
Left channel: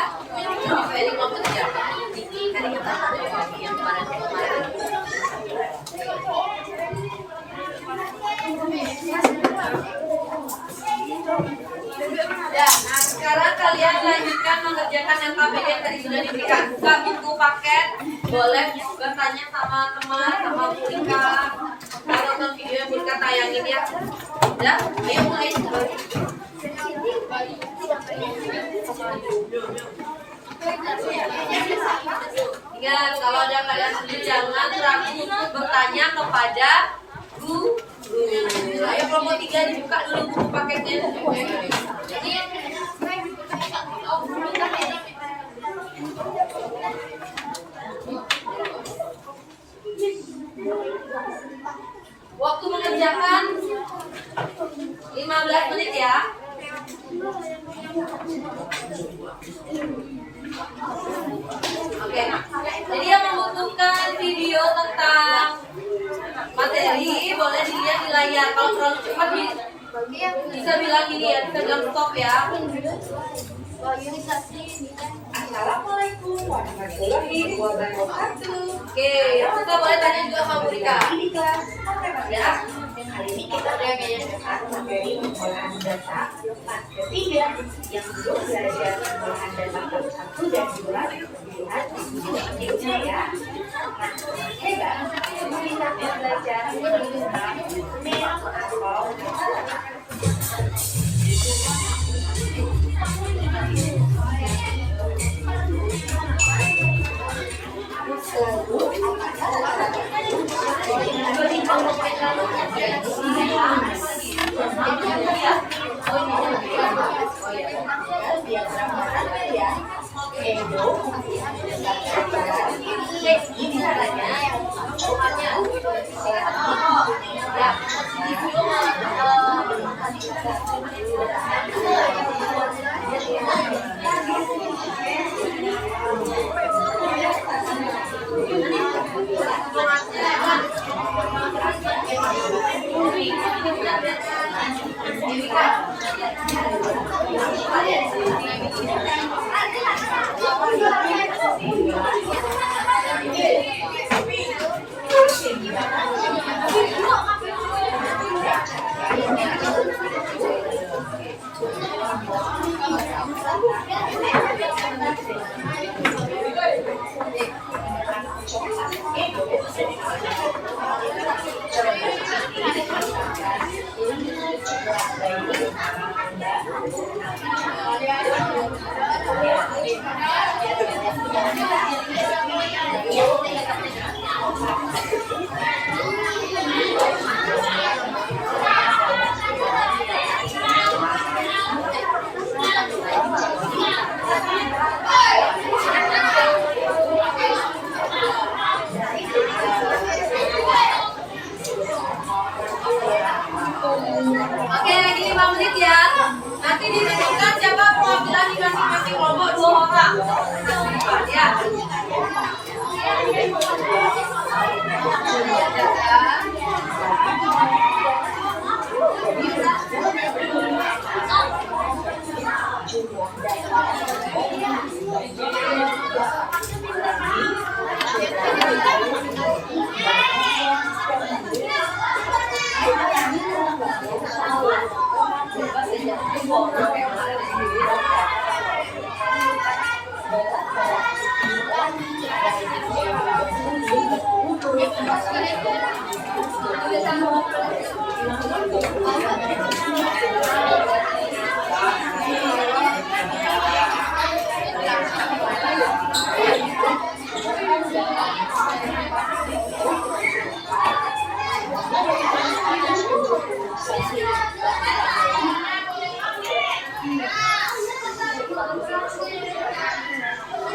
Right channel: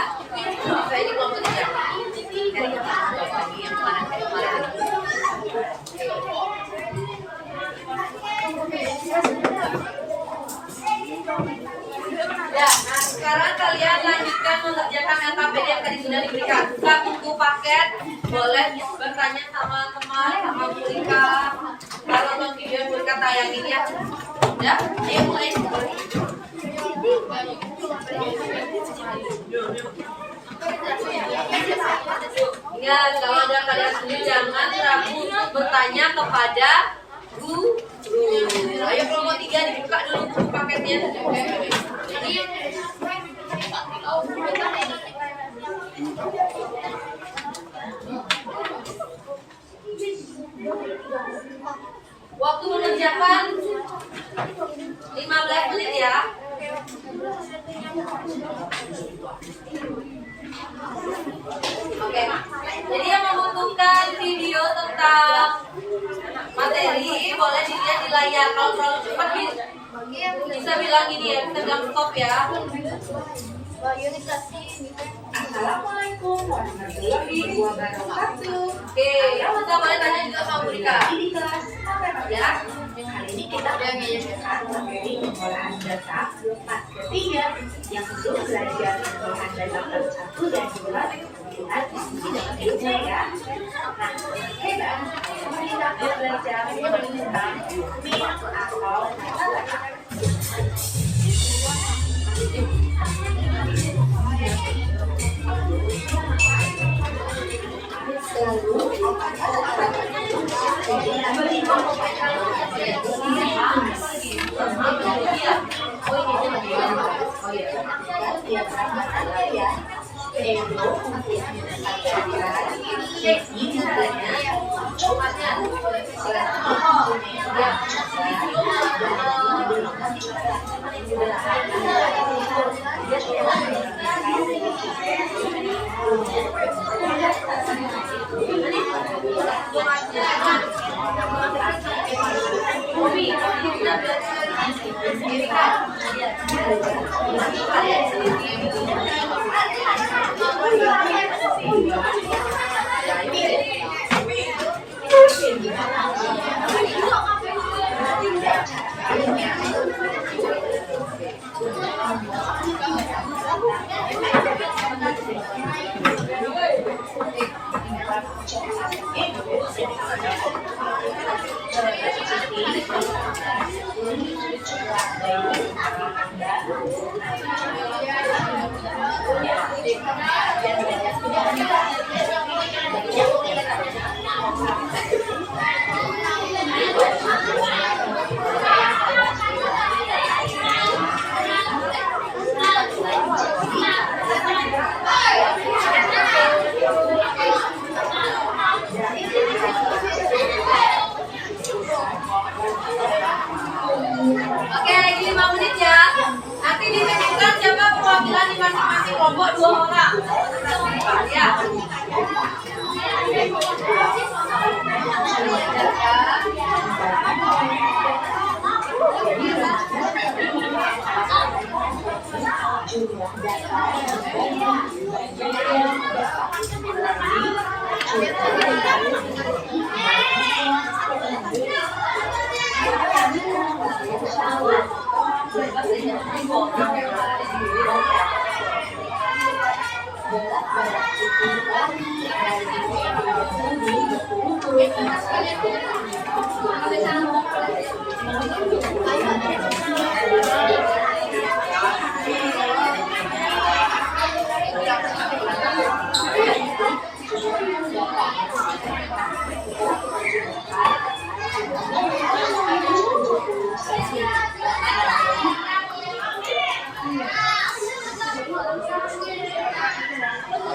Oke, di kelompok 3. Lagi yang kemarin. Ya, nah sekarang kalian lanjutkan mengerjakan LKPD yang tadi sudah diberikan. Buka buku paket, boleh bertanya sama teman, sama Bu Rika. Kita nonton video yang Bu Rika tayangin ya. Udah, ayo mulai. Ingat, kalau ada kalian sendiri jangan ragu untuk bertanya kepada guru. Ayo kelompok 3 dibuka dulu buku paketnya. Waktu mengerjakan 15 menit ya. Oke, jadi yang membutuhkan video tentang materi boleh dilihat di layar. Kalau terlalu cepat bisa bilang gini ya, bisa bilang stop ya. Assalamualaikum warahmatullahi wabarakatuh. Oke, kita boleh tanya juga sama Bu Rika. Di kelas Ya. kali ini kita belajar materi pengolahan data part ketiga yang belum belajar pengolahan data part 1 dan 2 lihat diskusi depannya ya. Nah, hebat kita belajar tentang map atau data.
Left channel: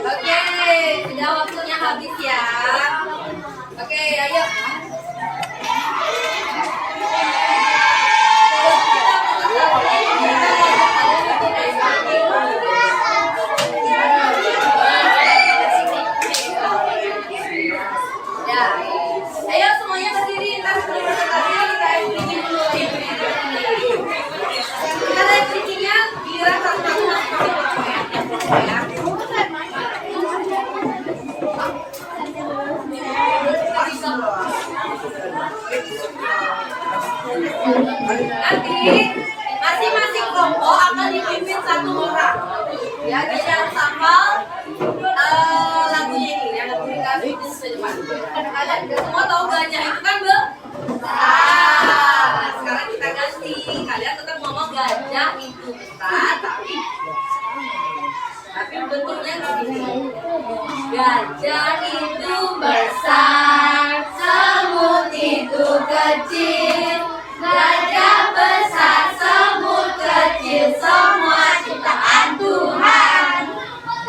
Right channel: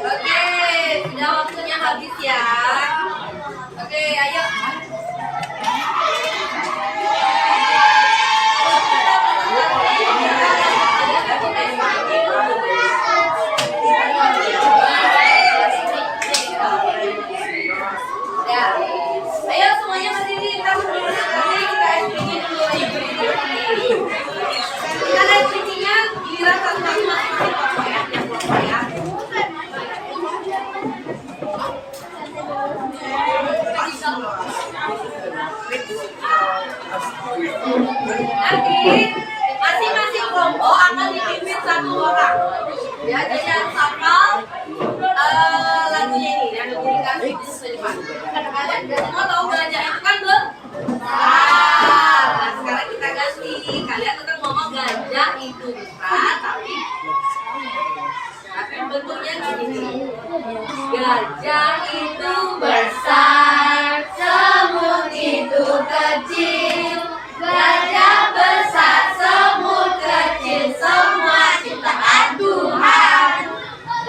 Oke, sudah waktunya habis ya. Oke, ayo. Ya, ayo semuanya berdiri. Ntar sebelum presentasinya kita bikin dulu lagi berdiri. Kita lihat bikinnya giliran satu-satu masing-masing kelompok ya, yang kelompok ya. Nanti masing-masing kelompok akan dipimpin satu orang. Ya, jadi jangan hafal lagunya ini. Ada berikan itu depan. Ada semua tahu gajah itu kan besar. Nah, sekarang kita ganti. Kalian tetap ngomong gajah itu besar, tapi bentuknya gini. Gajah itu besar, semut itu kecil. Gajah besar, semut kecil, semua ciptaan Tuhan.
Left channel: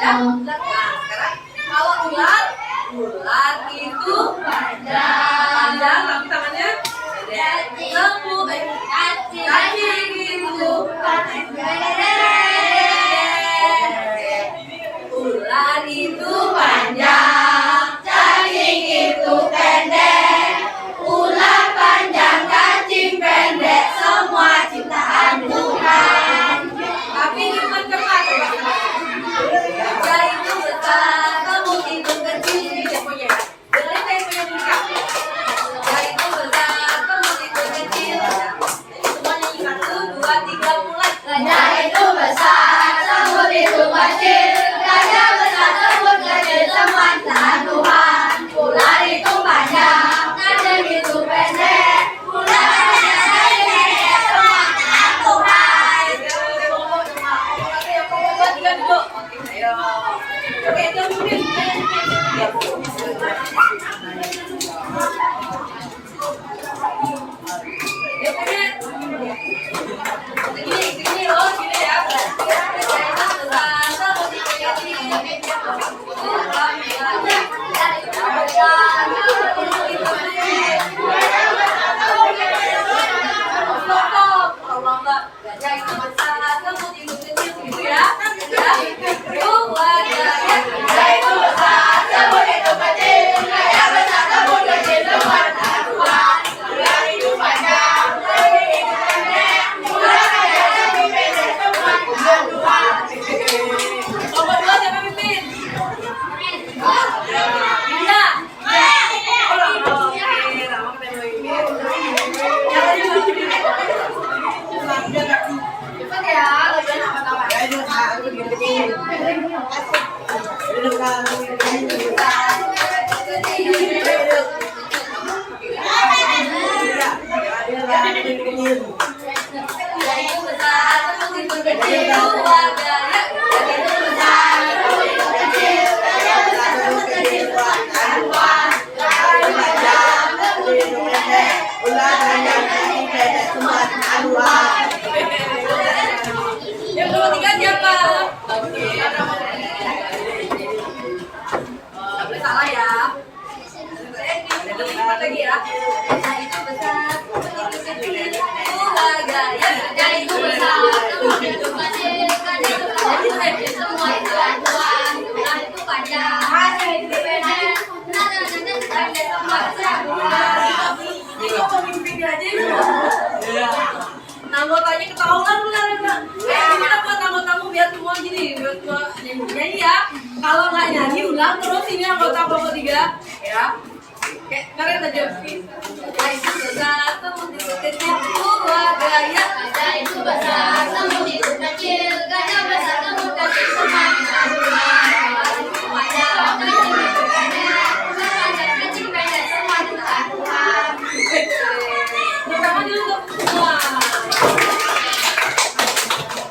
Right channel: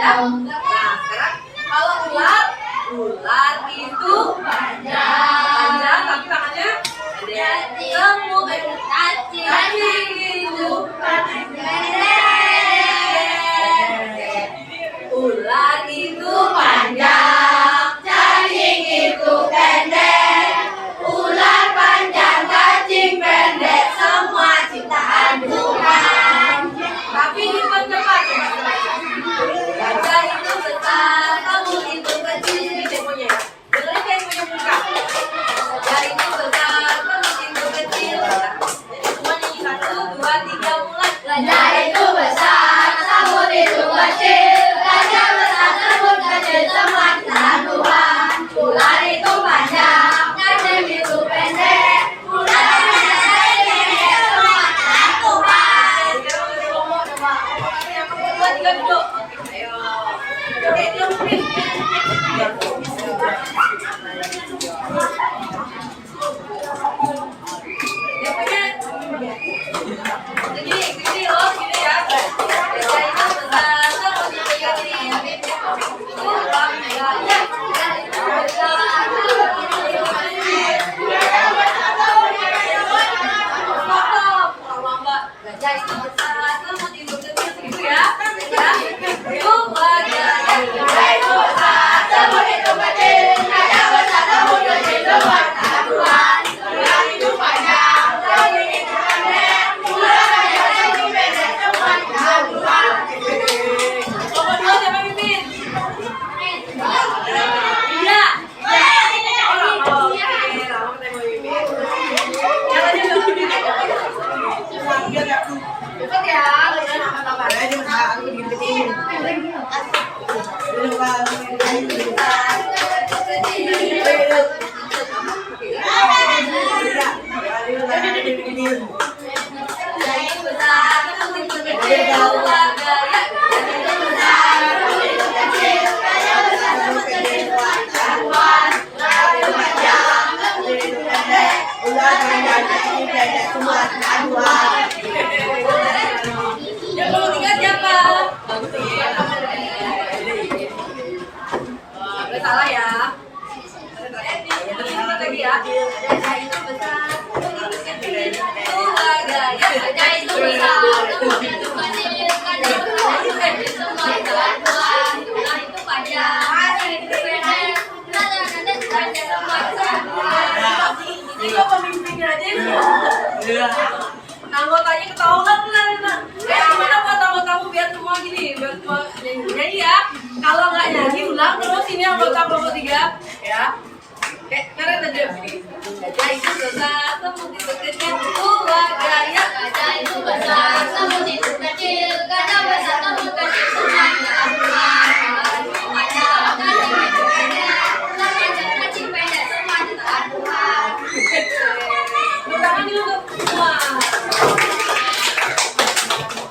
Nah, sekarang kalau ular itu panjang, tapi tangannya pendek. Semut kaki itu pendek. Ular itu panjang, cacing itu pendek. Ular panjang, cacing pendek, semua ciptaan Tuhan. Tapi dipercepat. Gajah itu besar, semut itu kecil. Ini temponya ya. Dengerin temponya buka. Gajah itu besar, semut itu kecil. Jadi semua nyanyi 1, 2, 3 mulai. Gajah itu besar, semut itu kecil. Gajah besar, semut kecil, semua ciptaan Tuhan. Ular itu panjang, cacing itu pendek. Ular panjang, cacing pendek, semua ciptaan Tuhan. Yang kedua, 3 duduk. Oke, ayo. Oke, itu mungkin. Segini loh, segini ya. Gajah itu besar, semut itu kecil. Ular panjang, gajah itu besar, semut itu kecil, segitu ya. Gajah itu besar, semut itu kecil. Gajah besar, semut kecil, semua ciptaan Tuhan. Ular itu panjang, semut itu pendek. Ular panjang, semut pendek, semua ciptaan Tuhan. Nomor 2 siapa pimpin? Iya. Cepat ya, udah nama-nama. Yang ketiga siapa? Nggak boleh salah ya. Lagi ya. Gajah itu besar, semut itu kecil. Gajah itu besar, semut itu kecil. Gajah itu kecil, semua ciptaan Tuhan. Ular itu panjang, cacing itu pendek. Ular pendek, semua ciptaan Tuhan. Ini kok pemimpinnya aja ya? Anggotanya ketahuan benar. Kita buat tamu-tamu biar semua gini, biar semua nyanyi ya. Kalau nggak nyanyi ulang terus ini anggota kelompok 3 ya. Kayak keren aja. Gajah itu besar, namun itu kecil. Gajah itu besar, namun itu kecil. Gajah besar, namun kecil. Kecil pendek, semua ciptaan Tuhan. Tangan dulu semua.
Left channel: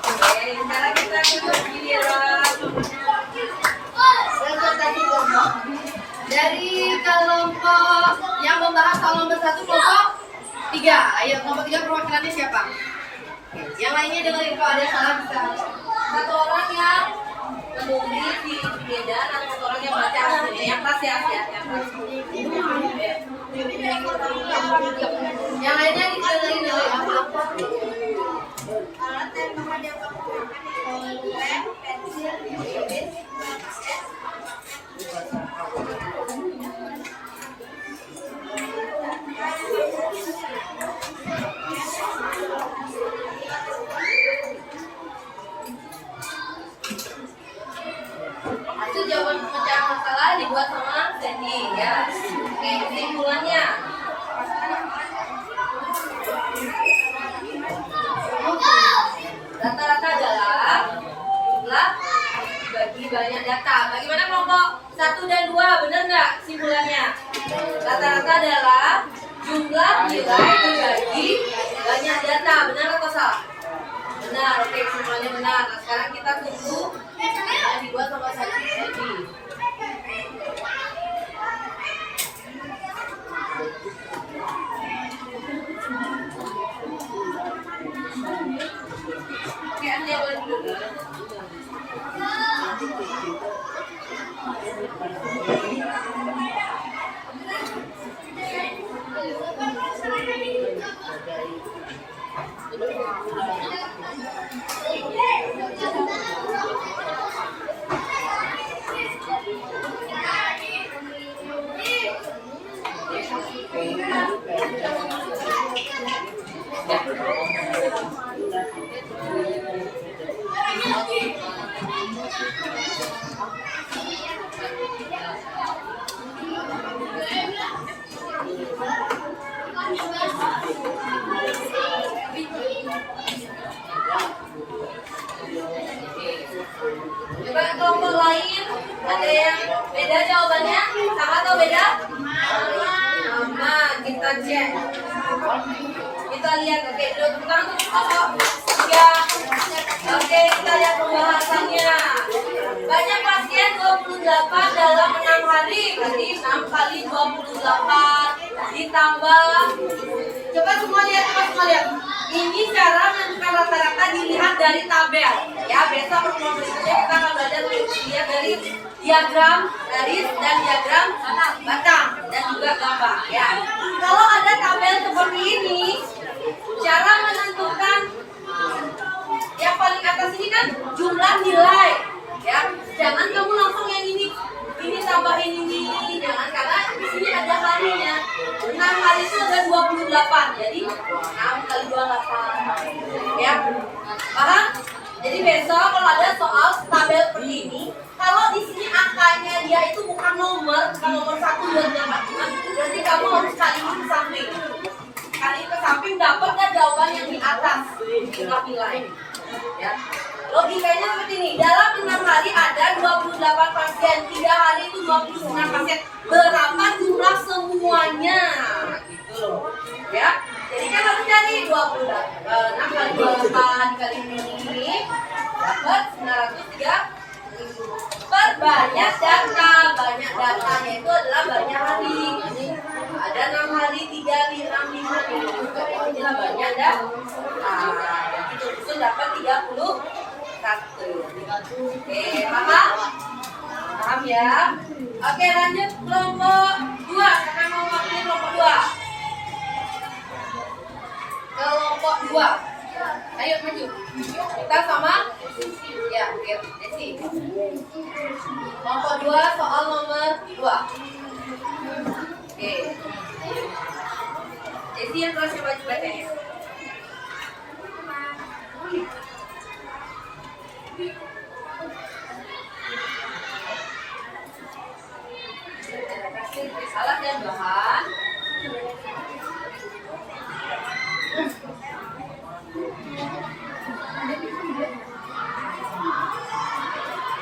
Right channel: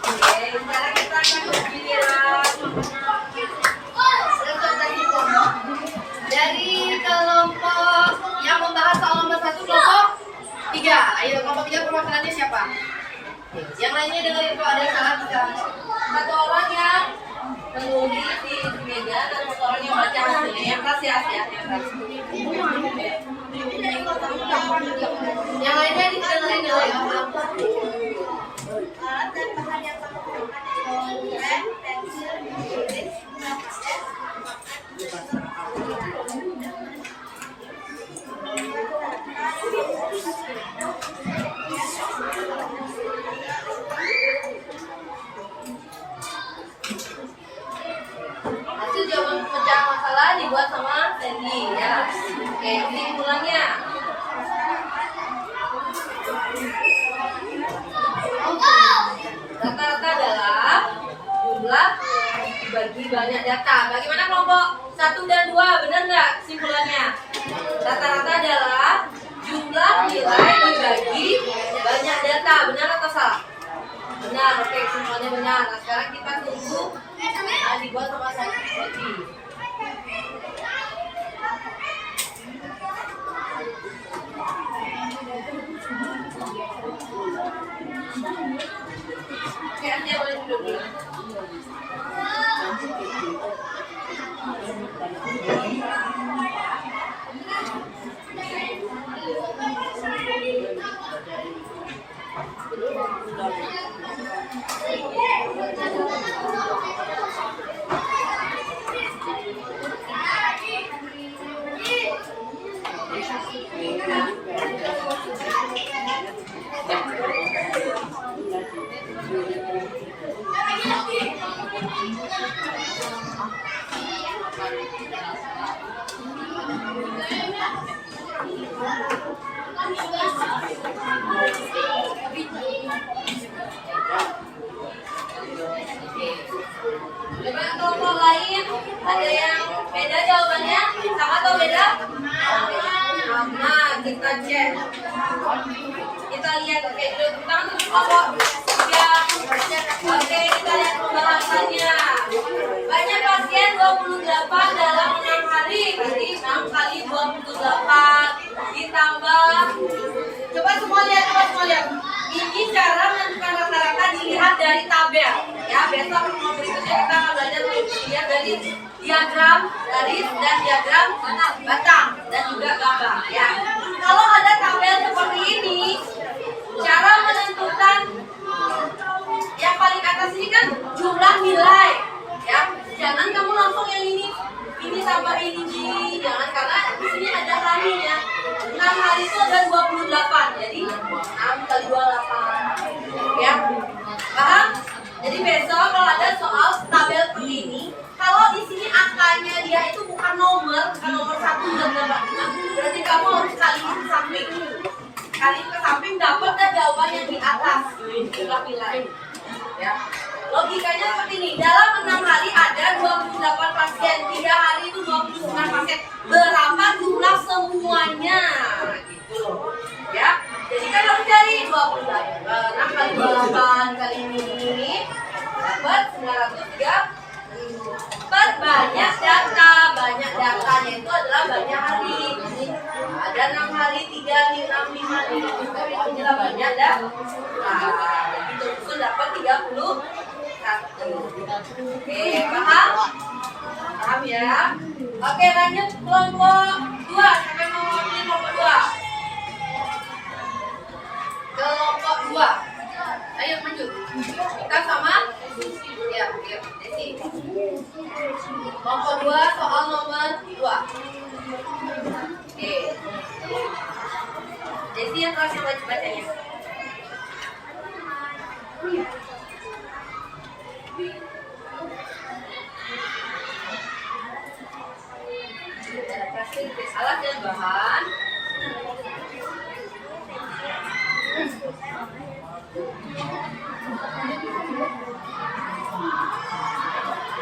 Oke, sekarang kita akan giliran. Dari kelompok yang membahas soal nomor 1 kelompok 3. Ayo kelompok 3 perwakilannya siapa? Yang lainnya dengerin kalau ada salah bisa. Satu orang yang menulis di meja dan satu orang yang baca hasilnya. Yang keras ya, yang keras. Yang lainnya dengerin dulu ya. Alat dan bahan yang kamu gunakan adalah lem, pensil, tulis, Hasil jawaban pemecahan masalah dibuat sama Sandy ya. Oke, kesimpulannya. Rata-rata adalah jumlah bagi banyak data. Bagaimana kelompok 1 dan 2? Benar nggak kesimpulannya? Rata-rata adalah jumlah nilai dibagi banyak data. Benar atau salah? Benar, oke, kesimpulannya benar. Nah, sekarang kita tunggu yang dibuat sama Sandy. Oke, Anda boleh duduk. Coba kelompok lain ada yang beda jawabannya? Sama atau beda? Sama, kita cek. Kita lihat, oke, dulu tepuk tangan untuk kelompok 3. Oke, kita lihat pembahasannya. Banyak pasien 28 dalam 6 hari. Berarti 6 kali 28 ditambah. Coba semua lihat. Ini cara menentukan rata-rata dilihat dari tabel. Ya, besok pertemuan berikutnya kita akan belajar lihat dari diagram garis dan diagram batang dan juga gambar. Ya, kalau ada tabel seperti ini, cara menentukan yang paling atas ini kan jumlah nilai. Ya, jangan kamu langsung yang ini tambahin ini, jangan, karena di sini ada harinya. 6 hari itu ada 28, jadi 6 kali 28. Ya, paham? Jadi besok kalau ada soal tabel seperti ini, kalau di sini angkanya dia itu bukan nomor 1, 2, 8, berarti kamu harus kaliin ke samping. Kaliin ke samping dapat kan jawaban yang di atas jumlah nilai. Ya. Logikanya seperti ini, dalam 6 hari ada 28 pasien, 3 hari itu 29 pasien. Berapa jumlah semuanya? Gitu loh. Ya. Jadi kan harus cari 6 kali 28 kali ini dapat 903. Banyak data, banyak datanya itu adalah banyak hari. Ada 6 hari, 3, 5, 5 ini adalah banyak data. Gitu, itu dapat 31. Oke, paham? Paham ya? Oke, lanjut kelompok 2. Siapa mau pilih kelompok 2? Kelompok 2. Ayo maju. Kita sama? Ya, Desi. Kelompok 2 soal nomor 2. Oke. Desi yang kelas yang bacanya. Periksa latihan bahan.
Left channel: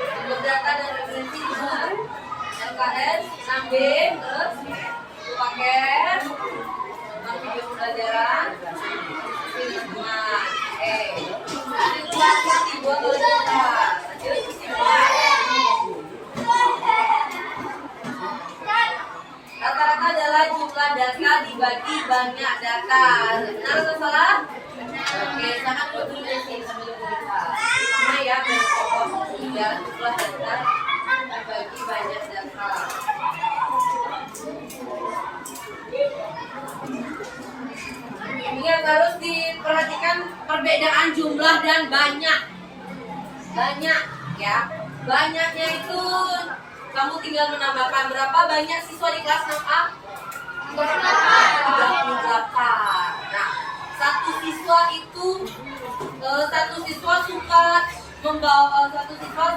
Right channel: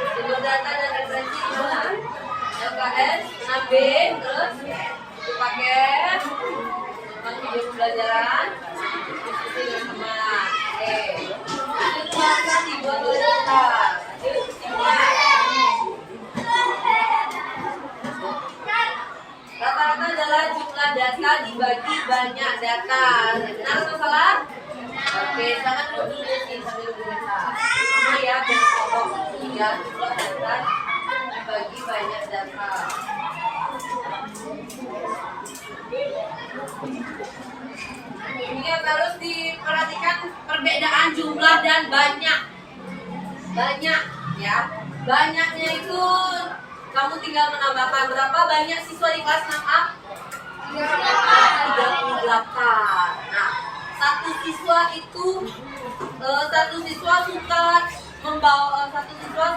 Sumber data dan referensi di mana? LKS 6B, terus paket tentang video pembelajaran ini semua. Oke, ini tugasnya dibuat oleh kita. Lanjut, semua. Rata-rata adalah jumlah data dibagi banyak data. Benar atau salah? Oke, sangat dulu di sini sambil berbicara. Ini ya, pokok tiga jumlah data dibagi banyak data. Ini harus diperhatikan perbedaan jumlah dan banyak. Banyak ya. Banyaknya itu kamu tinggal menambahkan berapa banyak siswa di kelas 6A? 38. Nah, satu siswa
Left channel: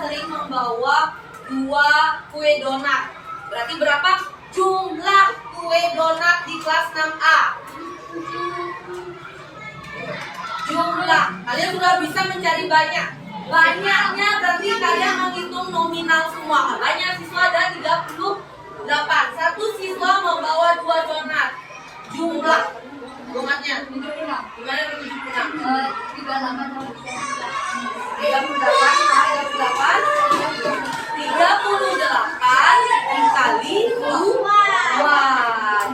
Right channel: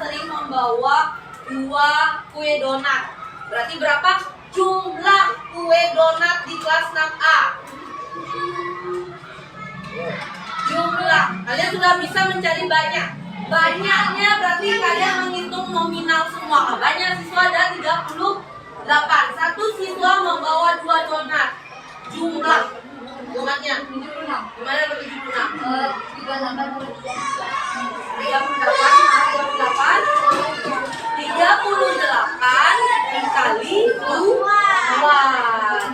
sering membawa 2 kue donat. Berarti berapa jumlah kue donat di kelas 6A? Jumlah. Kalian sudah bisa mencari banyak. Banyaknya berarti kalian menghitung nominal semua. Banyak siswa ada 38. Satu siswa membawa 2 donat. Jumlah donatnya 76. Gimana berarti 76? 38 dikali 2.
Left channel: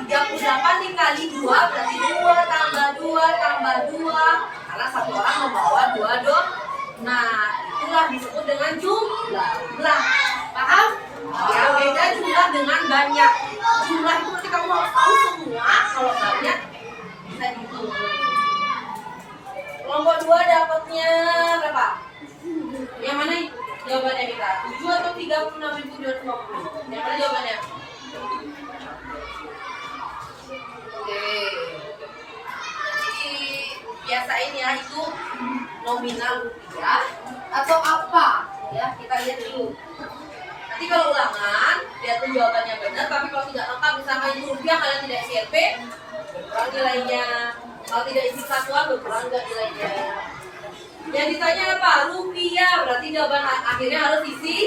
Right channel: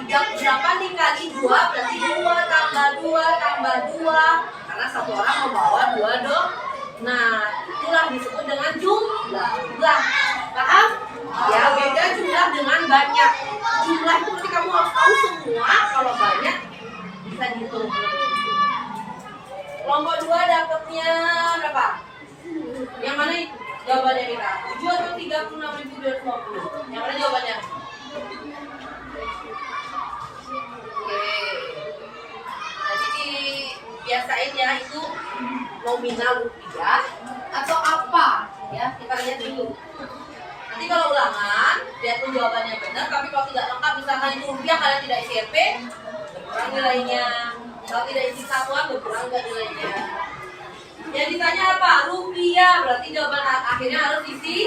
38 dikali 2 berarti 2 tambah 2 tambah 2. Karena satu orang membawa 2 donat. Nah, itulah disebut dengan jumlah. Paham? Ya, beda jumlah dengan banyak. Jumlah itu berarti kamu harus tahu semua. Kalau banyak bisa dihitung. Kelompok 2 dapatnya berapa? Yang mana jawabannya kita? 7 atau 36.250? Yang mana jawabannya? Oke. Jadi biasain ya, itu nominal rupiah atau apa? Ya, kita lihat dulu. Nanti kalau ulangan, lihat tuh jawabannya benar. Tapi kalau tidak lengkap, misalkan itu rupiah kalian tidak isi RP, berkurang nilainya. Kalau tidak isi satuan, berkurang nggak nilainya. Yang ditanya apa? Rupiah. Berarti jawaban akhirnya harus isi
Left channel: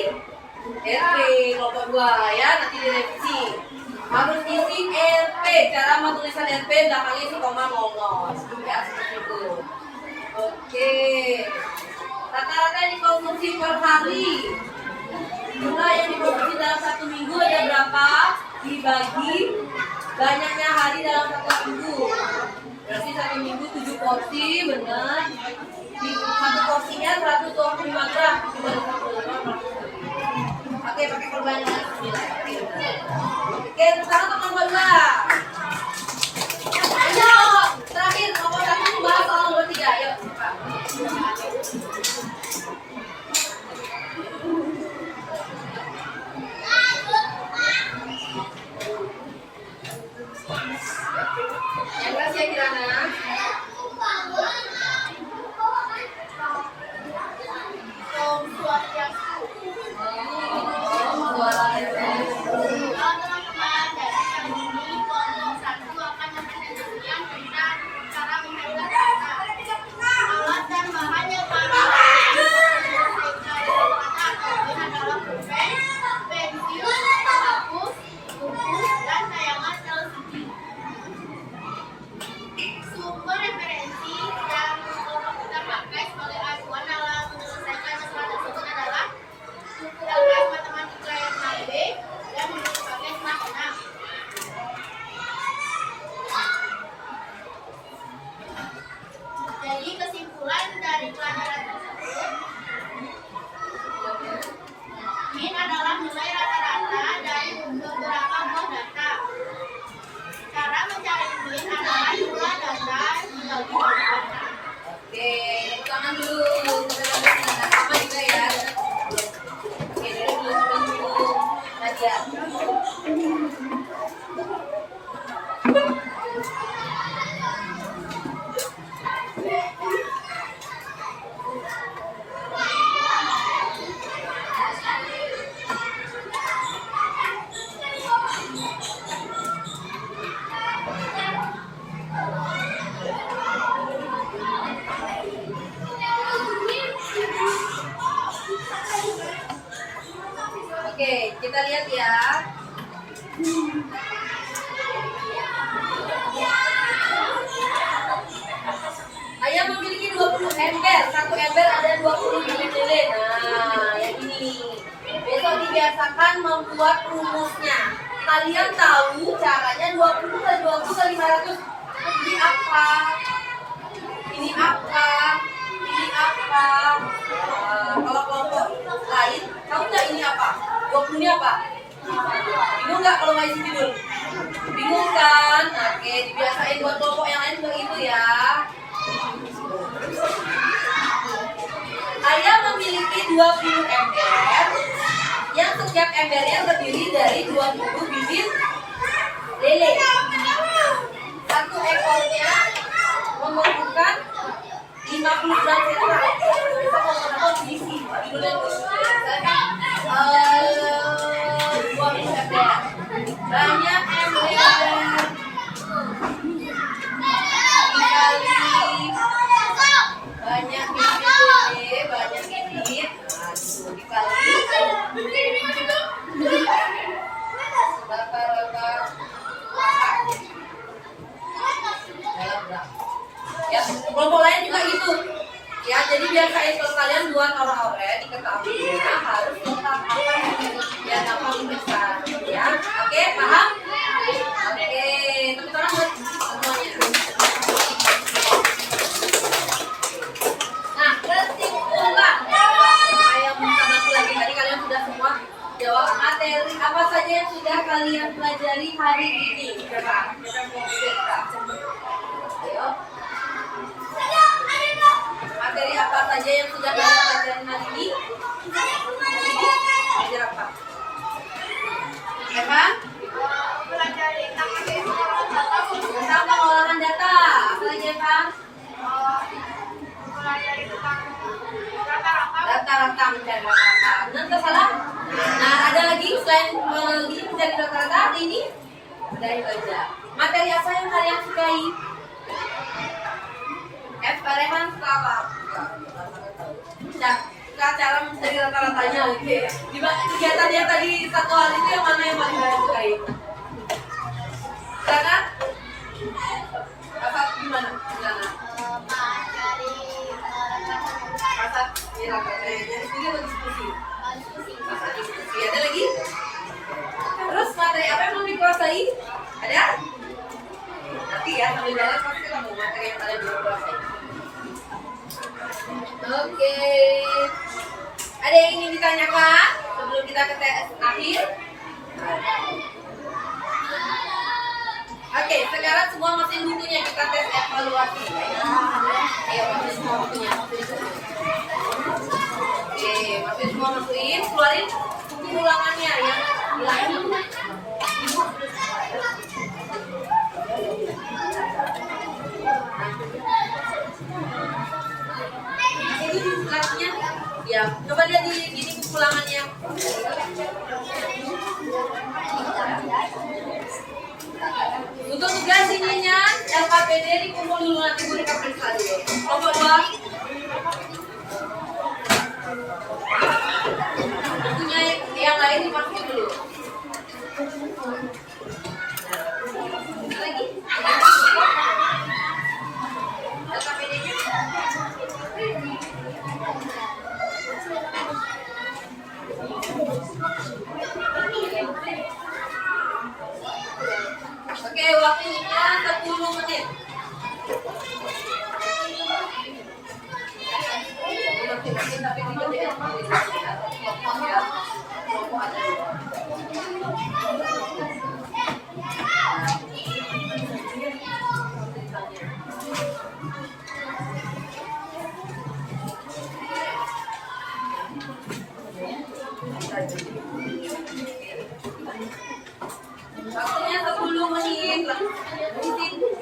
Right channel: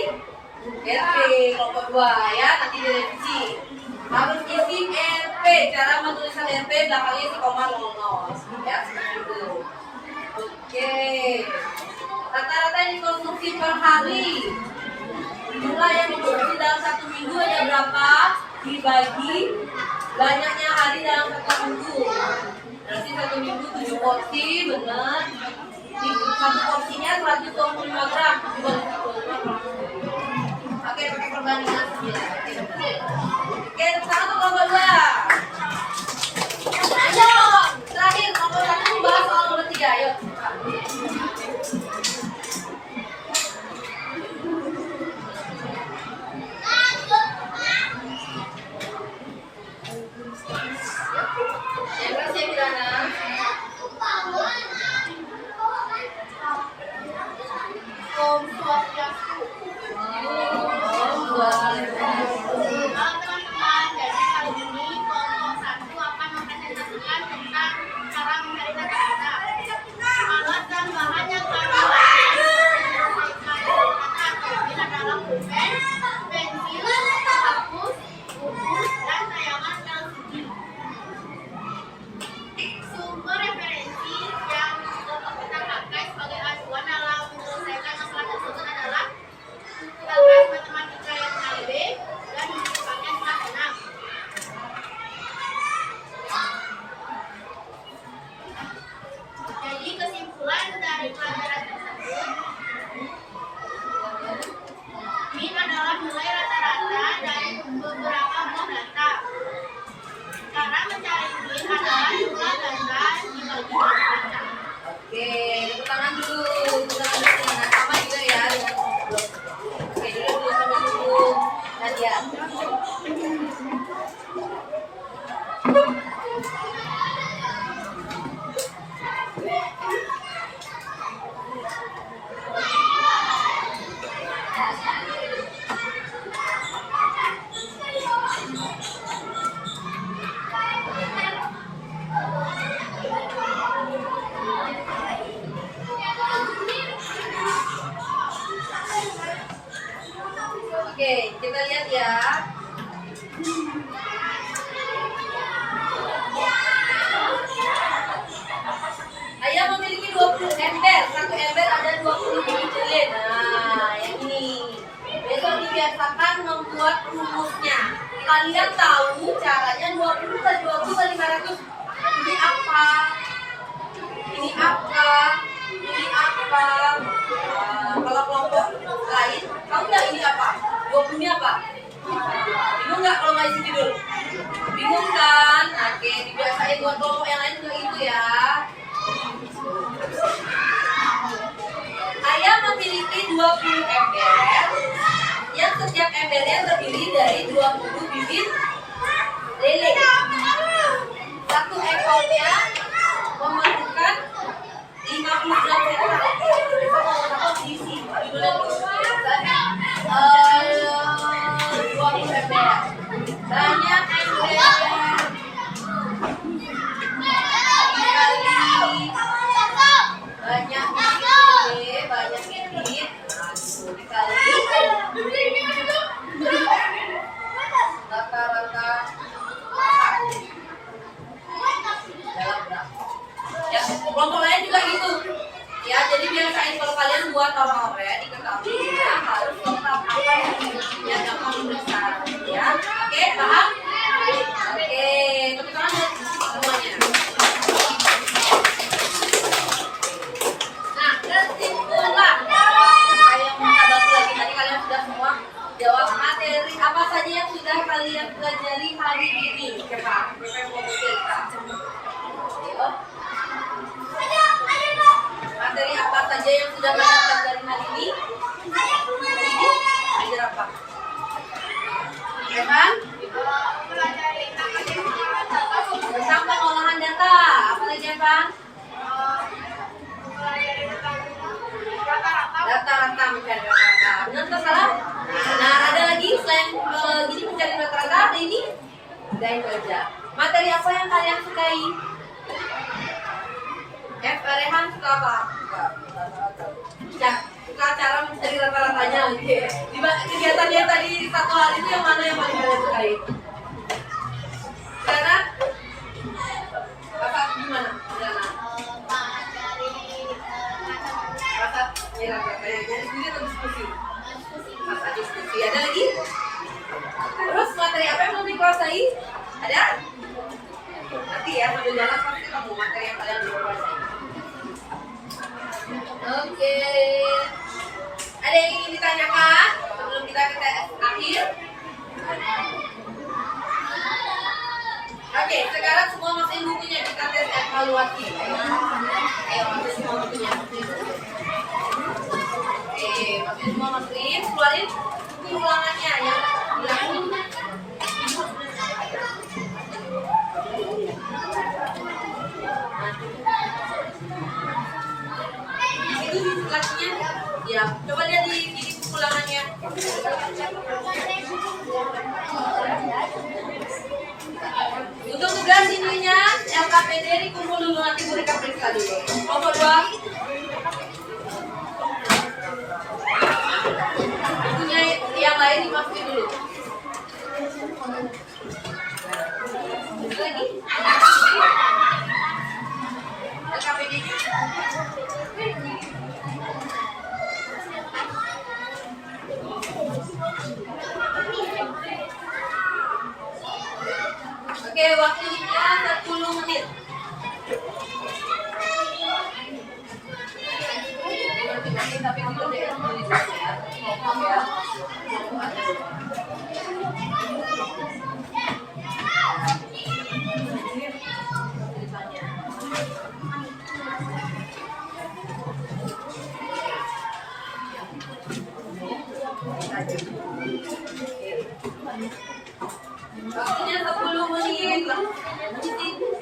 RP kelompok 2 ya. Nanti direvisi. Harus isi RP. Cara menulisan RP belakangnya isi koma 00. Ya, seperti itu. Oke. Rata-rata yang dikonsumsi per hari. Jumlah yang dikonsumsi dalam 1 minggu ada berapa? Dibagi banyaknya hari dalam 1 minggu. Berarti 1 minggu 7 porsi, benar. Satu porsinya 125 gram. Oke, pakai perbandingan 9. Oke, sekarang ke kelompok 2. Ayo, terakhir kelompok 1 bahas soal nomor 3. Ayo. Yang kasih ya Kirana. Halo teman-teman, jadi kali ini kelompok 1 akan mempresentasikan tentang cara mencari data. Alat dan bahan yang harus diselesaikan ini adalah pulpen, pensil, hapus, buku, dan tayangan LCD. Sumber referensi yang kita pakai sebagai acuan dalam menyelesaikan masalah tersebut adalah buku LKS Matematika yang HB dan buku paket kelas 6. Jadi kesimpulan dari pelajaran tersebut, min adalah nilai rata-rata dari beberapa blok data. Cara mencari min adalah jumlah data dibagi blok data. Oke, tepuk tangan dulu. Kita lanjutkan sama juga ya. Oke, dulu sampai dulu. Nadia. Ayam memiliki 20 ember. Satu ember ada 20 bibit lele. Nah, yang ini. Besok dibiasakan membuat rumusnya. Kalian tahu caranya 20 kali 20 kali 500. Ini apa? Ini apa? Ini apa? Kalau kelompok lain, tahu nggak ini apa? 20 ini apa? Bingung nggak kalau nggak isi judul? Bingung kan? Oke, dibiasain buat kelompok yang lain juga gitu ya. Ayam memiliki 20 ember yang setiap embernya terdiri dari 20 bibit lele. Satu ekornya membutuhkan 50 gram serat. Kita mau menambah diisi judulnya tuh. Misalkan 20 ember. Banyak ember dikali banyak bibit lele, banyak bibit. Nah, dikali rata-rata dalam gram. Ya, kelompok lain juga gitu. Ya, jadi biasain kalau kalian buat orang-orang diketahuinya harus tetap apa ya gampang diperiksa. Ya, oke, paham? Oke, tepuk tangan buat semuanya. Nah, kesimpulan. Saya minta bantu lagi, tadi kalian sudah semua jawab materi apa saja yang sudah kalian pelajari hari ini. Siapa? Siapa yang mau cerita? Ayo. Materi apa saja yang sudah kalian pelajari hari ini? Belajar apa? Evan? Tentang pengolahan data. Apa lagi Evan? Rata-rata, mencari rata-rata. Benar atau salah? Nah, ada lagi selain gini mencari rata-rata, ada ini? Ada yang kerja. Materi apa yang kalian sukai? Rehan suka apa? Suka cara mencari rata-ratanya. Oke. Kegiatan yang tadi satu hal itu yang mana yang paling kalian sukai? Karena Kakak gimana? Gimana? Kakak jadi sendiri atau diskusi? Masa diskusi. Ada lagi? Terus materi apa yang belum dikuasai? Ada? Nanti ya, sambil jalan pasti ketemu materi yang kalian belum kuasai. Oke. Ada yang ingin ditanyakan sebelum kita ke tes akhir? Oke, sekarang semua masukin bukunya, kita tes evaluasi. Ayo, masukin semua bukunya. Oke, masukin, keluarin buku ulangannya yang hilang. Itu kakinya, ya. Coba lihat di buku ulangannya. Untuk tugas ininya, LKPD dikumpul dulu, nanti Bu Rika periksa dulu. Kelompok 2. Bukunya yang lain dimasukin dulu. Lagi. LKPD-nya. Oke, waktunya 10 menit. Tapi dikerjain sendiri ya. Kelompok ada 2. Waktunya 10 menit.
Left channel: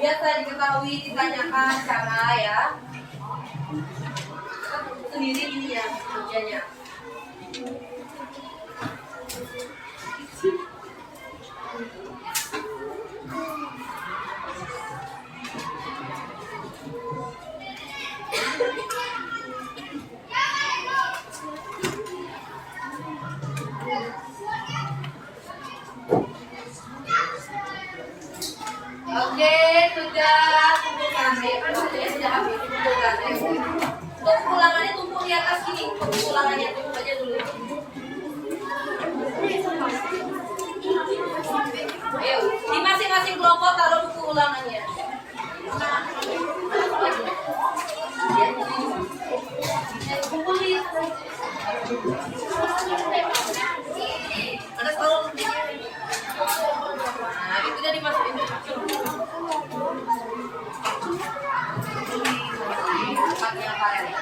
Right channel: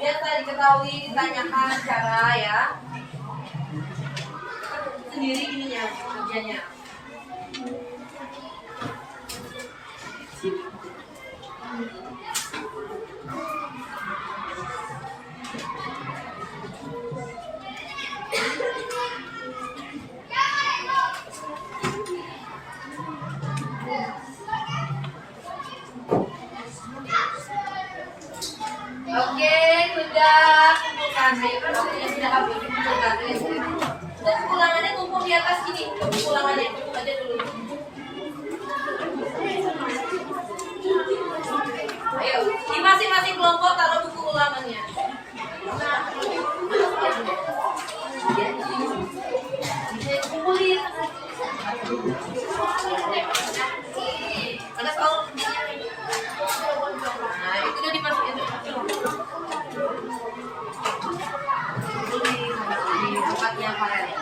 Biasa diketahui, ditanyakan cara ya. Sendiri gini ya kerjanya. Ayo kan waktunya sudah habis dikumpulkan. Untuk ulangannya tumpuk di atas sini. Untuk ulangannya tumpuk aja dulu. Ayo, di masing-masing kelompok taruh buku ulangannya. Kumpulin. Ada kalau nah itu udah dimasukin tempatnya apa ya?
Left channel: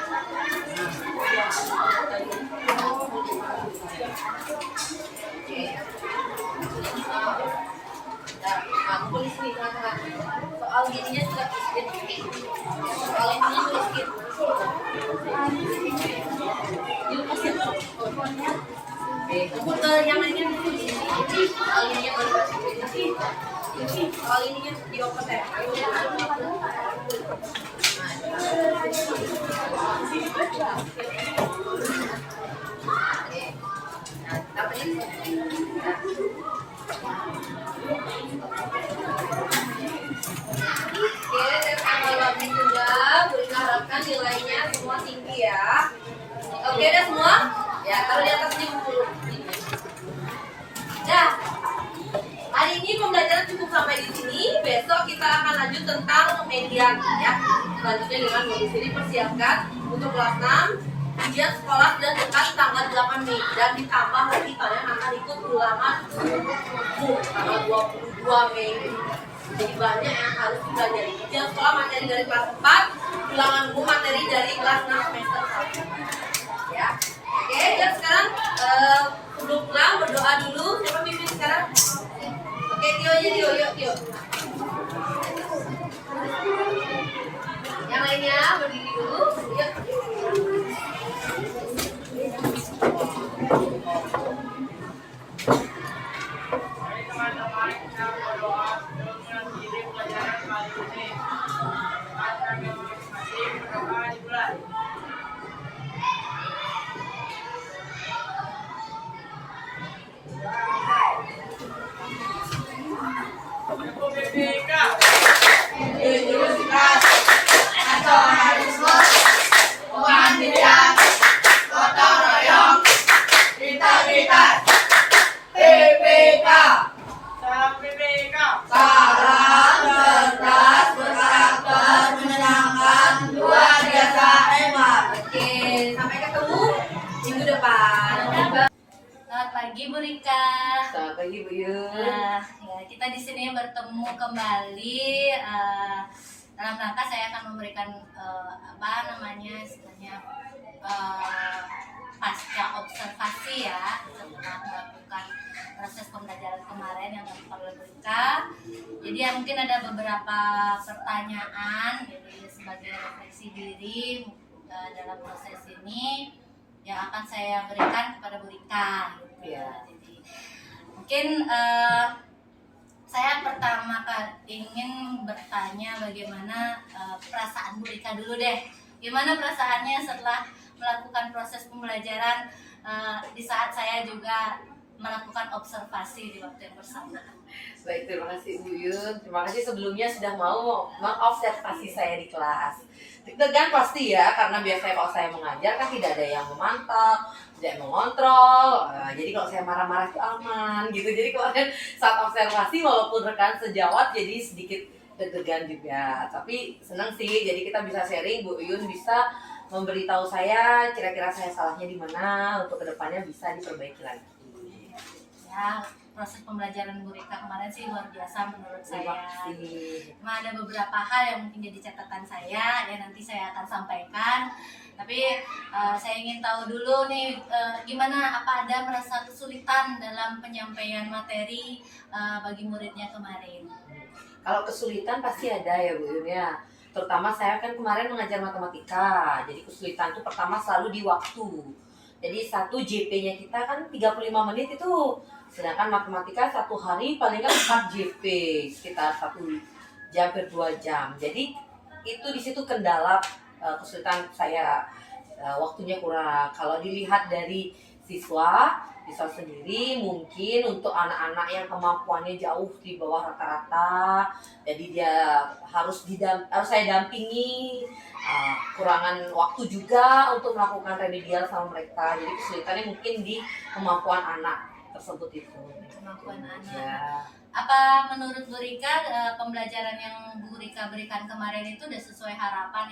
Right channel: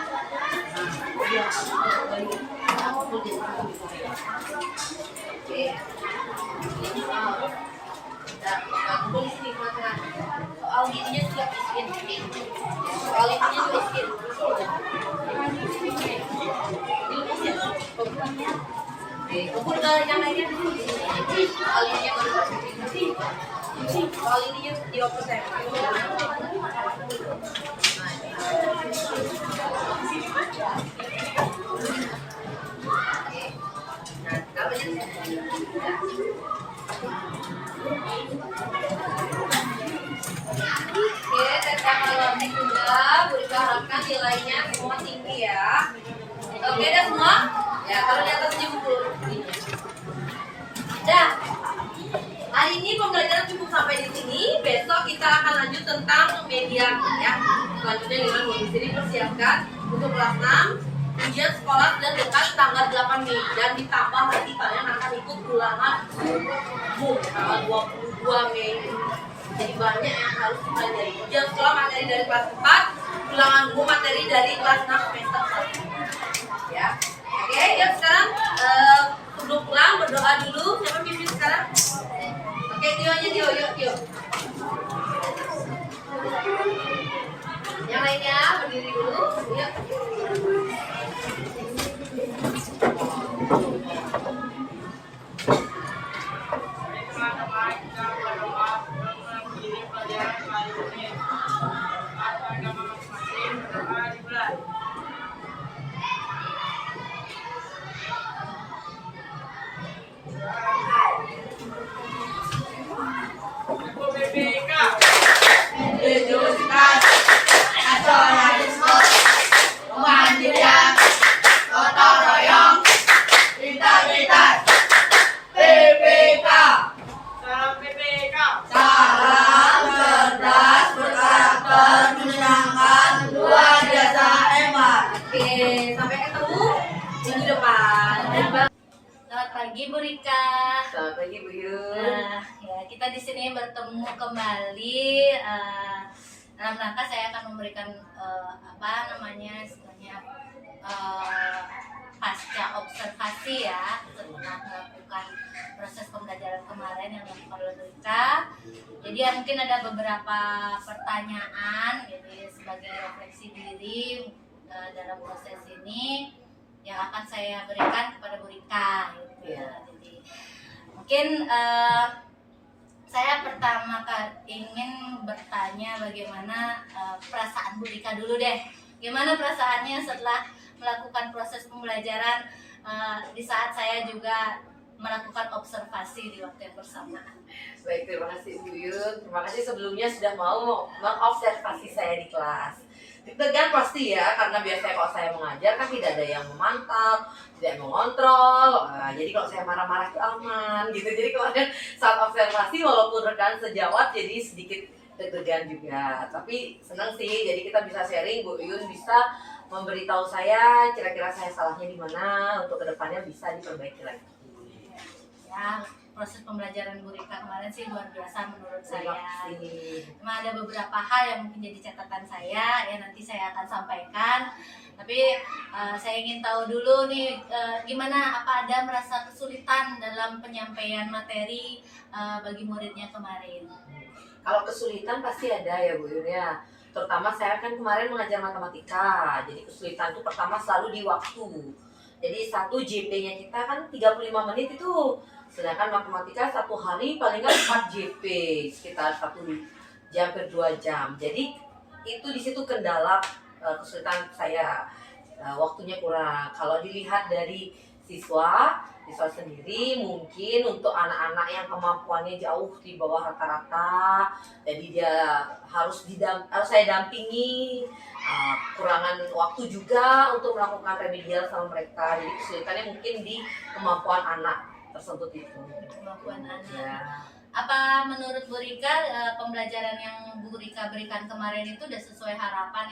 Oke. Nah, kumpul di sini tengah-tengah. Soal gininya juga miskin. Soal ininya juga miskin. Dilepasin. Kumpul ke yang lainnya dulu. Soal ininya baru kasih. Soal ininya dioper saya. Nah, kabelnya Oke, tes analogi sudah. Burika harapkan nilainya semua tinggi ya. Oke, udah semua? Ya, taruh di atas buku. Dah. Hari ini pembelajaran cukup sampai di sini. Besok kita akan lanjut tentang median ya. Selanjutnya dengan modus ini persiapkan untuk kelas 6 ujian sekolah dan dekat tanggal 8 Mei dan ditambah lagi kalian akan ikut ulangan umum tanggal 22 Mei. Jadi banyak yang harus dipelajari. Ujian sekolah materi dari kelas 4, ulangan umum materi dari kelas 6 semester 1. Ya. Oke, yuk sekarang sebelum pulang berdoa dulu. Siapa pimpin sekarang? Oke, Tio aja Tio, yuk Tio. Yang lainnya berdiri dulu, yuk. Teman-teman kita berdoa sebelum mengakhiri pelajaran kali ini. Masa agama masing-masing berdoa dimulai. BPK Universitas Nasionalisme Muhammadiyah Gotong Royong Integritas BPK. Salam BPK. Salam cerdas berkarakter menyenangkan luar biasa hebat. Oke, sampai ketemu minggu depan. Selamat pagi Bu Rika. Selamat pagi Bu Yun. Ya, kita di sini bertemu kembali dalam rangka saya akan memberikan istilahnya pasca observasi ya setelah melakukan proses pembelajaran kemarin yang dilakukan oleh Bu Rika. Jadi ya mungkin ada beberapa pertanyaan gitu ya, sebagai refleksi diri dalam proses ini yang akan saya berikan kepada Bu Rika gitu ya. Jadi mungkin saya pertama ingin bertanya bagaimana perasaan Bu Rika dulu deh. Gimana perasaannya setelah melakukan proses pembelajaran di saat saya juga melakukan observasi di waktu yang bersamaan. Baik, terima kasih Bu Yun. Terima kasih sebelumnya sudah mau mengobservasi saya di kelas. Deg-degan pasti ya, karena biasanya kalau saya mengajar kan tidak ada yang memantau, tidak mengontrol. Jadi kalau saya marah-marah itu aman gitu. Jadi kemarin saat observasi walaupun rekan sejawat jadi sedikit deg-degan juga. Tapi senang sih, jadi kita bisa sharing, Bu Yun bisa memberitahu saya kira-kira saya salahnya di mana untuk kedepannya bisa diperbaiki lagi. Ya, proses pembelajaran Bu Rika kemarin sih luar biasa menurut saya. Cuma ada beberapa hal yang mungkin jadi catatan saya ya, nanti saya akan sampaikan. Tapi saya ingin tahu dulu nih gimana, apa ada merasa kesulitan dalam penyampaian materi bagi muridnya kemarin? Kalau kesulitan pasti ada ya Bu Yun ya. Terutama saya kan kemarin mengajar matematika. Jadi kesulitan itu pertama selalu di waktu. Jadi 1 JP-nya kita kan 35 menit itu. Sedangkan matematika 1 hari paling kan 4 JP, sekitar 1 jam per 2 jam. Jadi itu di situ kendala kesulitan saya, waktunya kurang. Kalau dilihat dari siswa siswa sendiri mungkin untuk anak-anak yang kemampuannya jauh di bawah rata-rata, jadi dia harus saya dampingi, kurangan waktu juga untuk melakukan remedial sama mereka, jadi kesulitannya mungkin di kemampuan anak tersebut itu. Kemampuan anak. Ya. Apa menurut Bu Rika pembelajaran yang Bu Rika berikan kemarin itu udah sesuai harapan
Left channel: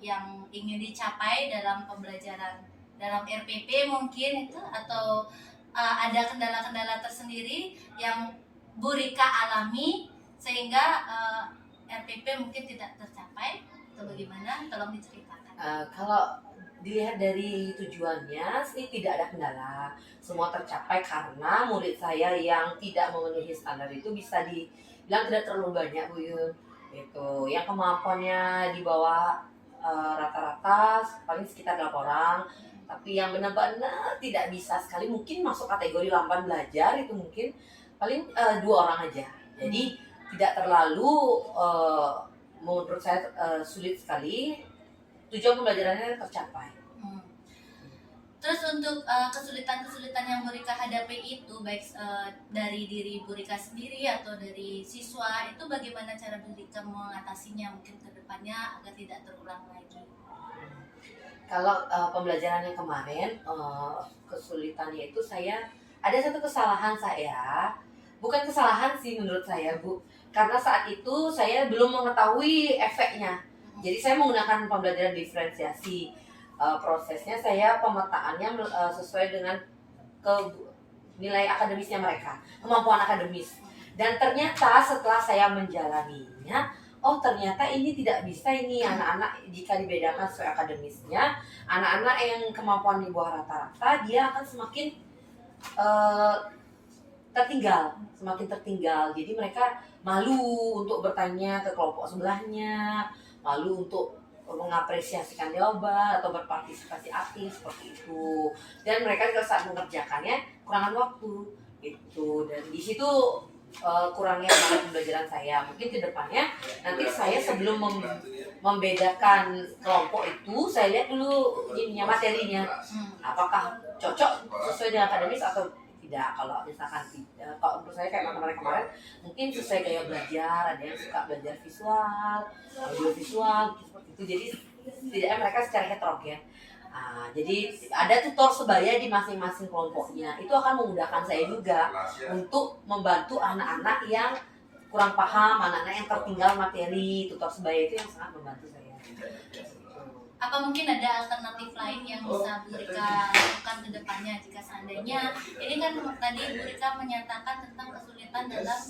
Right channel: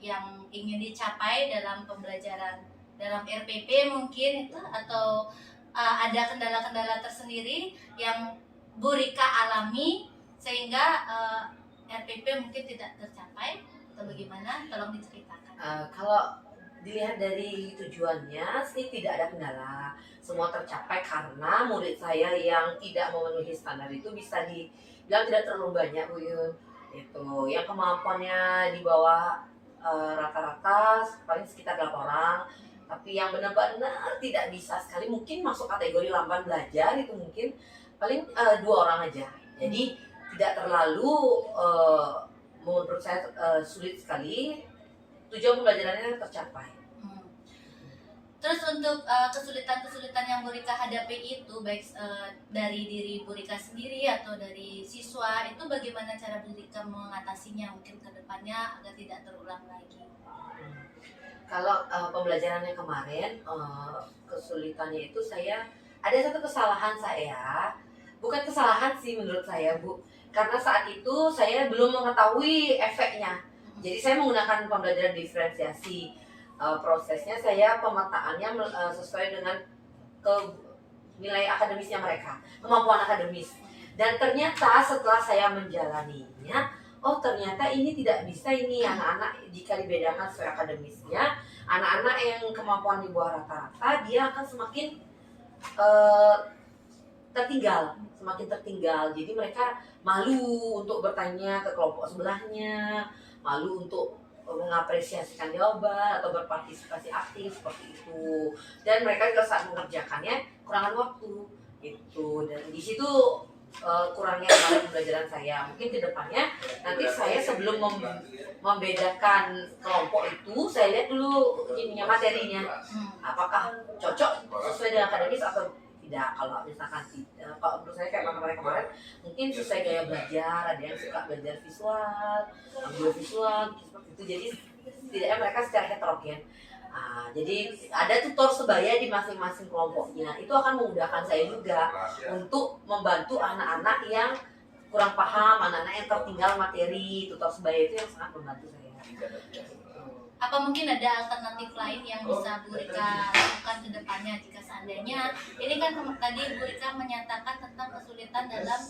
yang ingin dicapai dalam pembelajaran dalam RPP mungkin itu, atau ada kendala-kendala tersendiri yang Bu Rika alami sehingga RPP mungkin tidak tercapai atau bagaimana? Tolong diceritakan. Kalau dilihat dari tujuannya sih tidak ada kendala, semua tercapai karena murid saya yang tidak memenuhi standar itu bisa dibilang tidak terlalu banyak Bu Yun. Itu yang kemampuannya di bawah rata-rata paling sekitar 8 orang, tapi yang benar-benar tidak bisa sekali mungkin masuk kategori lamban belajar itu mungkin paling 2 orang aja. Jadi tidak terlalu menurut saya sulit sekali, tujuan pembelajarannya tercapai. Terus untuk kesulitan-kesulitan yang Bu Rika hadapi itu baik dari diri Bu Rika sendiri atau dari siswa, itu bagaimana cara Bu Rika mengatasinya mungkin ke depannya agar tidak terulang lagi? Kalau pembelajarannya kemarin kesulitannya itu saya ada satu kesalahan saya, bukan kesalahan sih menurut saya Bu, karena saat itu saya belum mengetahui efeknya. Jadi saya menggunakan pembelajaran diferensiasi. Prosesnya saya pemetaannya sesuai dengan nilai akademisnya mereka, kemampuan akademis. Dan ternyata setelah saya menjalaninya, oh ternyata ini tidak bisa ini anak-anak jika dibedakan sesuai akademisnya. Anak-anak yang kemampuan di bawah rata-rata dia akan semakin semakin tertinggal. Jadi mereka malu untuk bertanya ke kelompok sebelahnya, malu untuk mengapresiasikan jawaban atau berpartisipasi aktif seperti itu. Dan mereka juga saat mengerjakannya kurangan waktu gitu. Dan di situ kurangnya pembelajaran saya. Mungkin ke depannya nanti saya sebelum membedakan kelompok itu saya lihat dulu ininya materinya. Apakah cocok sesuai dengan akademis atau tidak. Kalau misalkan tidak, kalau menurut saya kayak kemarin mungkin sesuai gaya belajar, ada yang suka belajar visual, audio visual seperti itu, jadi setidaknya mereka secara heterogen. Jadi ada tutor sebaya di masing-masing kelompoknya, itu akan memudahkan saya juga untuk membantu anak-anak yang kurang paham, anak-anak yang tertinggal materi. Tutor sebaya itu yang sangat membantu saya. Apa mungkin ada alternatif lain yang bisa Bu Rika lakukan ke depannya jika seandainya ini kan tadi Bu Rika menyatakan tentang kesulitan dalam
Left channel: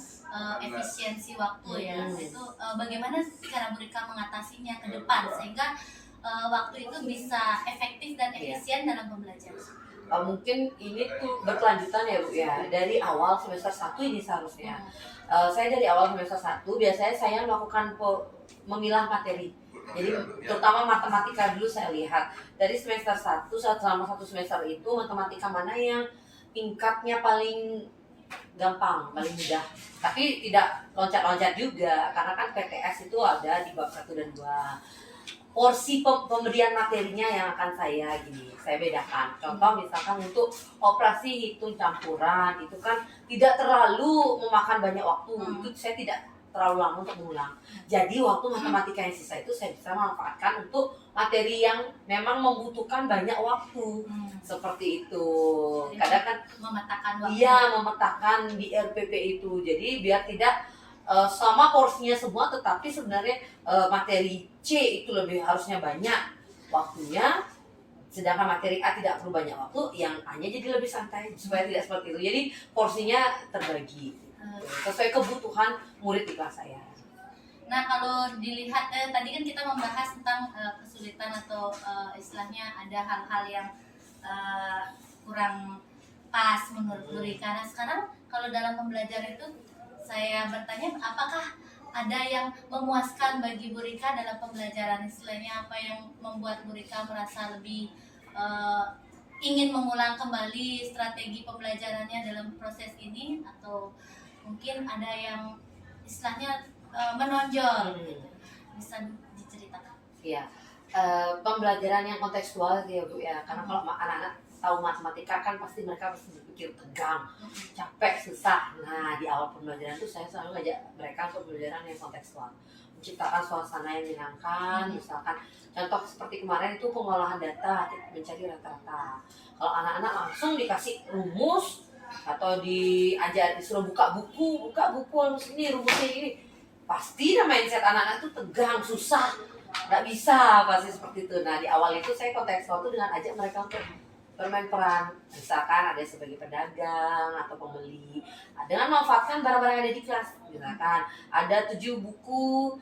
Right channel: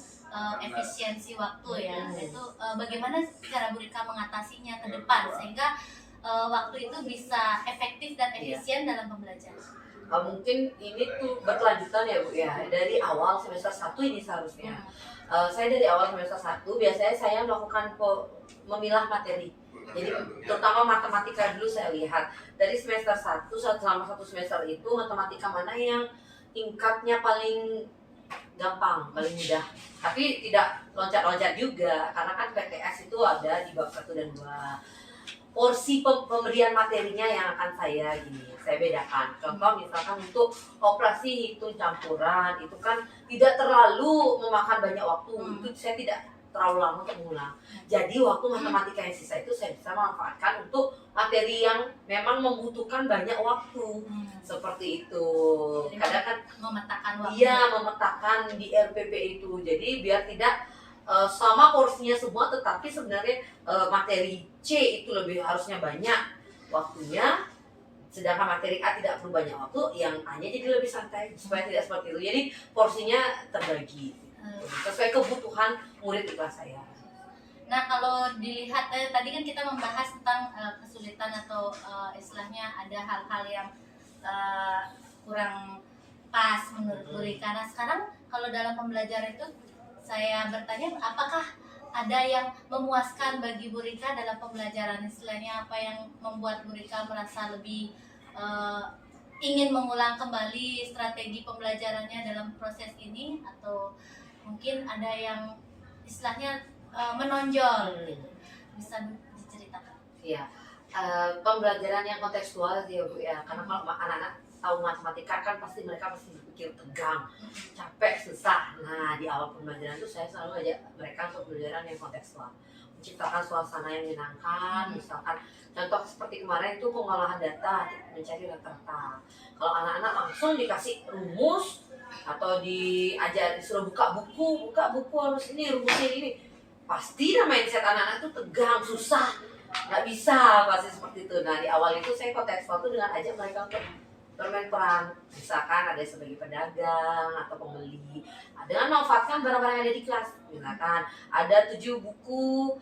efisiensi waktu ya, itu bagaimana cara Bu Rika mengatasinya ke depan sehingga waktu itu bisa efektif dan efisien dalam pembelajaran? Mungkin ini tuh berkelanjutan ya Bu ya, dari awal semester 1 ini seharusnya. Saya dari awal semester 1 biasanya saya melakukan memilah materi. Jadi terutama matematika dulu saya lihat dari semester 1 selama 1 semester itu matematika mana yang tingkatnya paling gampang, paling mudah. Tapi tidak loncat-loncat juga karena kan PTS itu ada di bab 1 dan 2. Porsi pemberian materinya yang akan saya bedakan. Contoh misalkan untuk operasi hitung campuran itu kan tidak terlalu memakan banyak waktu. Itu saya tidak terlalu lama untuk mengulang. Jadi waktu matematika yang sisa itu saya bisa manfaatkan untuk materi yang memang membutuhkan banyak waktu. Seperti itu. Kadang kan memetakan waktu. Iya, memetakan di RPP itu. Jadi biar tidak sama porsinya semua, tetapi sebenarnya materi C itu lebih harusnya banyak waktunya, sedangkan materi A tidak perlu banyak waktu, yang A-nya jadi lebih santai supaya tidak seperti itu. Jadi porsinya terbagi sesuai kebutuhan murid di kelas saya. Nah kalau dilihat tadi kan kita membahas tentang kesulitan atau istilahnya ada hal-hal yang kurang pas menurut Bu Rika. Nah sekarang kalau dalam pembelajaran itu saya bertanya apakah ada yang memuaskan bagi Bu Rika dalam pembelajaran, istilahnya apa yang membuat Bu Rika merasa lebih ingin mengulang kembali strategi pembelajarannya dalam proses ini, atau mungkin ada yang istilahnya menonjol gitu. Bisa diceritakan? Iya, pembelajaran yang kontekstual ya Bu ya, karena kalau anak-anak tahu matematika kan pasti mereka pasti berpikir tegang, capek, susah. Nah di awal pembelajaran itu saya selalu ngajak mereka untuk pembelajaran yang kontekstual, menciptakan suasana yang menyenangkan. Misalkan contoh seperti kemarin itu pengolahan data, mencari rata-rata. Kalau anak-anak langsung dikasih rumus atau disuruh buka buku harus ini rumusnya ini, pasti mindset anak-anak itu tegang, susah, nggak bisa pasti seperti itu. Nah di awal itu saya kontekstual itu dengan ajak mereka untuk bermain peran, misalkan ada sebagai pedagang atau pembeli, dengan memanfaatkan barang-barang yang ada di kelas. Misalkan ada 7 buku,